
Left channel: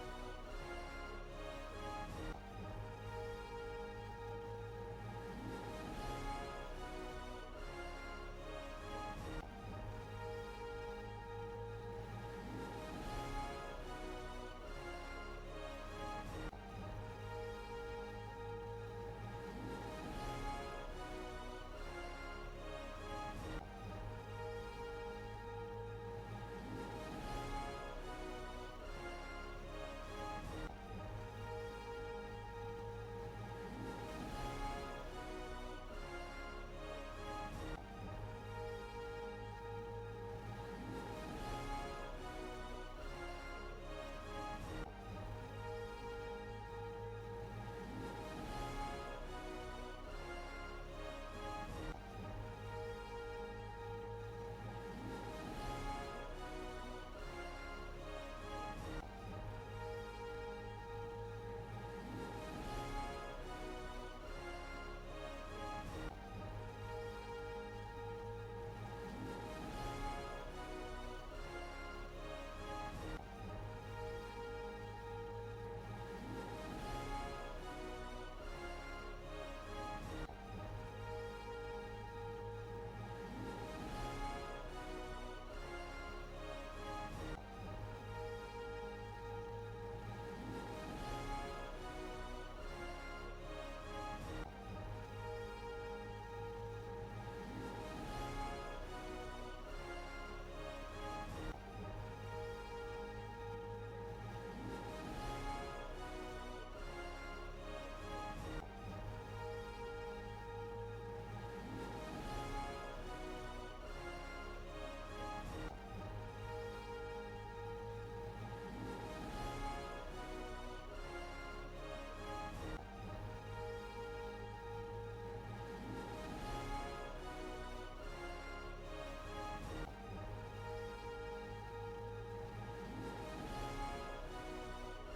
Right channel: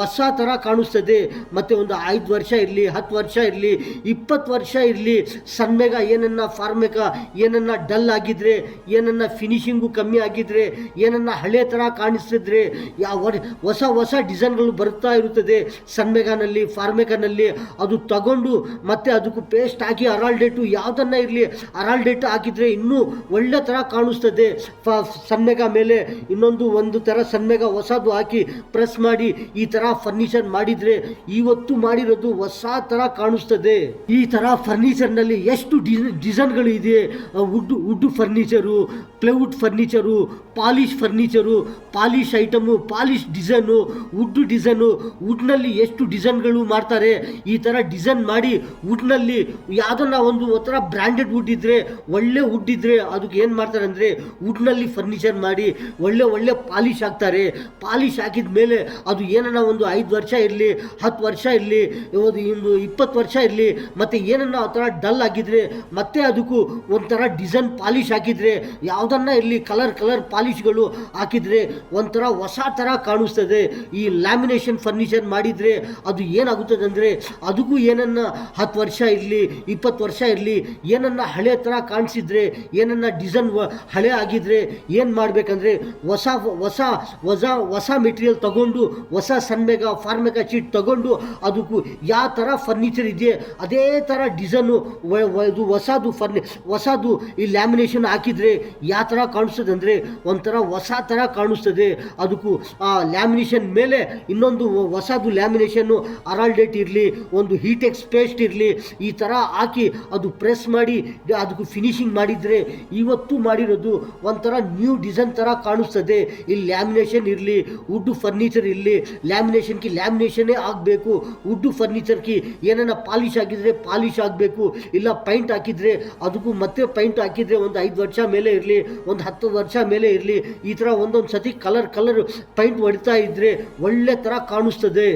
ಹೊಸ ಥರ ಕಾಣಿಸ್ತದೆ. ಮತ್ತು ಒಂದು 5 ವರ್ಷ ಇರಲಿ, 10 ವರ್ಷ ಇರಲಿ, 20 ವರ್ಷ ಇರಲಿ, ಸನ್ಮೇಗ ಏನನ್ನ ಫಾರ್ಮೇಕ ಏನನ್ನ ಡಲ್ ಆಗಿದ್ರೆ, ಏನನ್ನ ಫಿನಿಶಿಂಗು ಕಮ್ಮಿ ಆಗಿದ್ರೆ, ಏನನ್ನ ಹಳೆ ಥರ ಕಾಣಿಸ್ತಿದ್ರೆ, ಹೊಸ ಡಿಸೈನ್ಗಳು ಬರುತ್ತಾ ಇರುತ್ತದೆ ಸನ್ಮೇಗಾನಲ್ಲಿ, ಫಾರ್ಮೇಕಾನಲ್ಲಿ. ಅದು ತಗೊಂಡು ಮತ್ತೆ ಅದಕ್ಕೂ ಪೇಸ್ಟ್ ಹಾಕಿ ಅರಾಲ್ಡೇಟು ಯಾವುದನ್ನ ಇರಲಿ ಅರಾಲ್ಡೇಟ್ ಹಾಕಿದರೆ ಇನ್ನೂ ಒಳ್ಳೆ ಥರ ಕಾಣಿಸ್ತದೆ. ಸನ್ಮೇಗ ಮೇಲೆ ಒಂದು ಥರ ಸನ್ಮೇಗ ಹೊಸದು ಹಾಕಿ ಪ್ರೆಸ್ ಮಾಡಿ ಈ ಥರ ಫರ್ನಿಚರ್ ಮಾಡಿದರೆ ಇವತ್ತು ಮಾಡಿರೋದು ಹೊಸ ಥರ ಕಾಣಿಸ್ತದೆ. ಈ ಥರ ಫರ್ನಿಚರ್ನಲ್ಲಿ ಎಷ್ಟು ಡಿಸೈನ್ಗಳು ಇದೆ. Wood furniture, plywood furniture, polish item, polish design, ವುಡ್ನಲ್ಲಿ ಎಷ್ಟು ಡಿಸೈನ್ಗಳು ಮಾಡ್ತಾರೆ. ಈ ಥರ ಡಿಸೈನ್ ಮಾಡಿ ವುಡ್ನಲ್ಲಿ ಯಾವುದನ್ನ ಒಂದು ಥರ ಬ್ರ್ಯಾಂಡೆಡ್ ವುಡ್ ಇದ್ದರೆ, ಒಳ್ಳೆ ವುಡ್ ಇದ್ದರೆ ಅದಕ್ಕೆ ಏನು ಮಾಡ್ತಾರೆ ಅಂದರೆ ವುಡ್ನಲ್ಲಿ ಫರ್ನಿಚರ್ ಮಾಡಿ ಒಳ್ಳೆ ಪಾಲಿಶ್ ಹಾಕ್ತಾರೆ. ಪಾಲಿಶ್ ಹಾಕಿದ ಮೇಲೆ ಅದು ಏನನ್ನ ಒಂದು 5 ವರ್ಷ ಇರಲಿ, 10 ವರ್ಷ ಇರಲಿ, 20 ವರ್ಷ ಇರಲಿ, ಮತ್ತು ಏನನ್ನ ಆ ಥರ ಡಲ್ ಆಗಿದ್ರೆ ಮತ್ತೆ ಅದಕ್ಕೂ ಒಂಥರ ಡಿಸೈನ್ ಪಾಲಿಶ್ ಹಾಕಿದರೆ, ಯಾವುದನ್ನ ಇರಲಿ ಕಲರ್ ಪಾಲಿಶ್ಗಳು ಹಾಕಿದರೆ ಒಂಥರ ಹೊಸ ಥರ ಕಾಣಿಸ್ತದೆ. ಈ ಲ್ಯಾಮಿನೇಷನ್ ಫರ್ನಿಚರ್ ಮಾಡಿದರೆ ಅದು ಏನಾಗುತ್ತದೆ ಅಂದರೆ ಅದಕ್ಕೂ ಏನನ್ನ 10 ವರ್ಷ ಇರಲಿ, 20 ವರ್ಷ ಇರಲಿ, ಏನನ್ನ ಹಳೆ ಥರ ಕಾಣಿಸಿದ್ರೆ, ಏನನ್ನ ಡಿಸೈನ್ ಹಳೆ ಆಗಿದ್ರೆ ಏನು ಮಾಡಬೇಕಂದ್ರೆ ಹೊಸ ಮೆಟೀರಿಯಲ್ ತಗೊಂಡು, ಹೊಸ ಸನ್ಮೇಗ ಫಾರ್ಮೇಕಾ ಶೀಟ್ ತಗೊಂಡು ಅದಕ್ಕೂ ಯಾವ ಥರ ಫರ್ನಿಚರ್ ಇದೆ ಅದೇ ಥರ ಡಿಸೈನು ಹೊಸದು ಈ ಲ್ಯಾಮಿನೇಷನ್ ಹಾಕಿದರೆ ಯಾವ ಥರ ಕಾಣಿಸ್ತದೆ ಅಂದರೆ ಒಂಥರ ಹೊಸ ಥರ ಕಾಣಿಸ್ತದೆ. ಅದಕ್ಕೂ ಆ ಲ್ಯಾಮಿನೇಷನ್ ಮೇಲೆ ಇನ್ನೊಂದು ಹೊಸದು ಲ್ಯಾಮಿನೇಷನ್ನು ಅರಾಲ್ಡೇಟ್ ಇರಲಿ, ಒಂದು ಹೀಟೆಕ್ಸ್ ಪೇಸ್ಟ್ ಇರಲಿ, ಈ ಥರ ಹಾಕಿ ಅದು ಪ್ರೆಸ್ ಮಾಡಿ ಅದಕ್ಕೂ ಫಿನಿಶಿಂಗ್ ಮಾಡಿದರೆ ಇವತ್ತು ಮಾಡಿರೋದು ಒಂಥರ ನ್ಯೂ ಡಿಸೈನ್ ಥರ ಕಾಣಿಸ್ತದೆ. ಇಲ್ಲಿ ಲ್ಯಾಮಿನೇಷನ್ ಇರಲಿ, ವುಡ್ ಫರ್ನಿಚರ್ ಇರಲಿ, ಲ್ಯಾಮಿನೇಷನ್ನೇ ಆಗಬೇಕು. ವುಡ್ ಫರ್ನಿಚರ್ಗೆ ಏನನ್ನ ಪಾಲಿಶ್ ಆಗಿದ್ರೆ ಪಾಲಿಶ್ ಆಗಬೇಕು, ಇಲ್ಲ ಪೈಂಟ್ ಹಾಕಿದರೆ ಅದಕ್ಕೂ ಮತ್ತೆ ಪೈಂಟ್ ಹಾಕಿದರೆ ಒಂದು 5 ವರ್ಷ ಮೇಲೆ ಇರಲಿ, ಒಂದು 10 ವರ್ಷ ಮೇಲೆ ಇರಲಿ, ಈ ಥರ ಒಂದೊಂದು ಸತಿ ಕಲರ್ ಪೈಂಟ್ ಹೊಡಿತಾ ಇದ್ದರೆ ಒಳ್ಳೆ ಥರ ಕಾಣಿಸ್ತದೆ.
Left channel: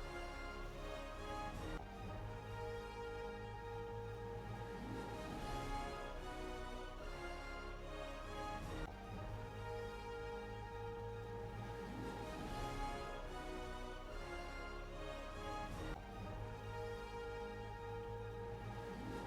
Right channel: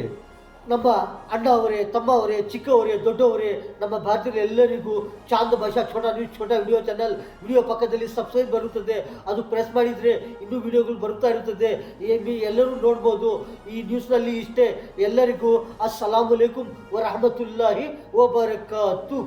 ನಮ್ಮ ಅಣ್ಣ ಅವರೇ, ತಮ್ಮ ಅವರೇ, ಚಿಕ್ಕವರೇ, ದೊಡ್ಡವರೇ, ನಮ್ಮ ಭಾರತೀಯರು ಎಲ್ಲರಿಗೂ ಚಾಂದ್ ಭಾಷಾ ಛೋಟಾ ವಿಡಿಯೋ ಚಾನಲ್ ವಿಡಿಯೋ ಪಕ್ಕದಲ್ಲಿ ಸಬ್ಸ್ಕ್ರೈಬ್ ಬರುತ್ತದೆ. ಅದು ಪ್ರೆಸ್ ಮಾಡಿದರೆ ಇನ್ನೂ ವಿಡಿಯೋಗಳು ಬರುತ್ತಾ ಇರುತ್ತದೆ. ಎಲ್ಲರೂ ನೋಡ್ಬೋದು. ಈ ನ್ಯೂಸ್ನಲ್ಲಿ ಇಷ್ಟೇ. ಎಲ್ಲರಿಗೂ ಅಸ್ಸಲಾಮು ಅಲೈಕುಂ ವರಹಮತುಲ್ಲಾಹಿ ವಬರಕಾತು.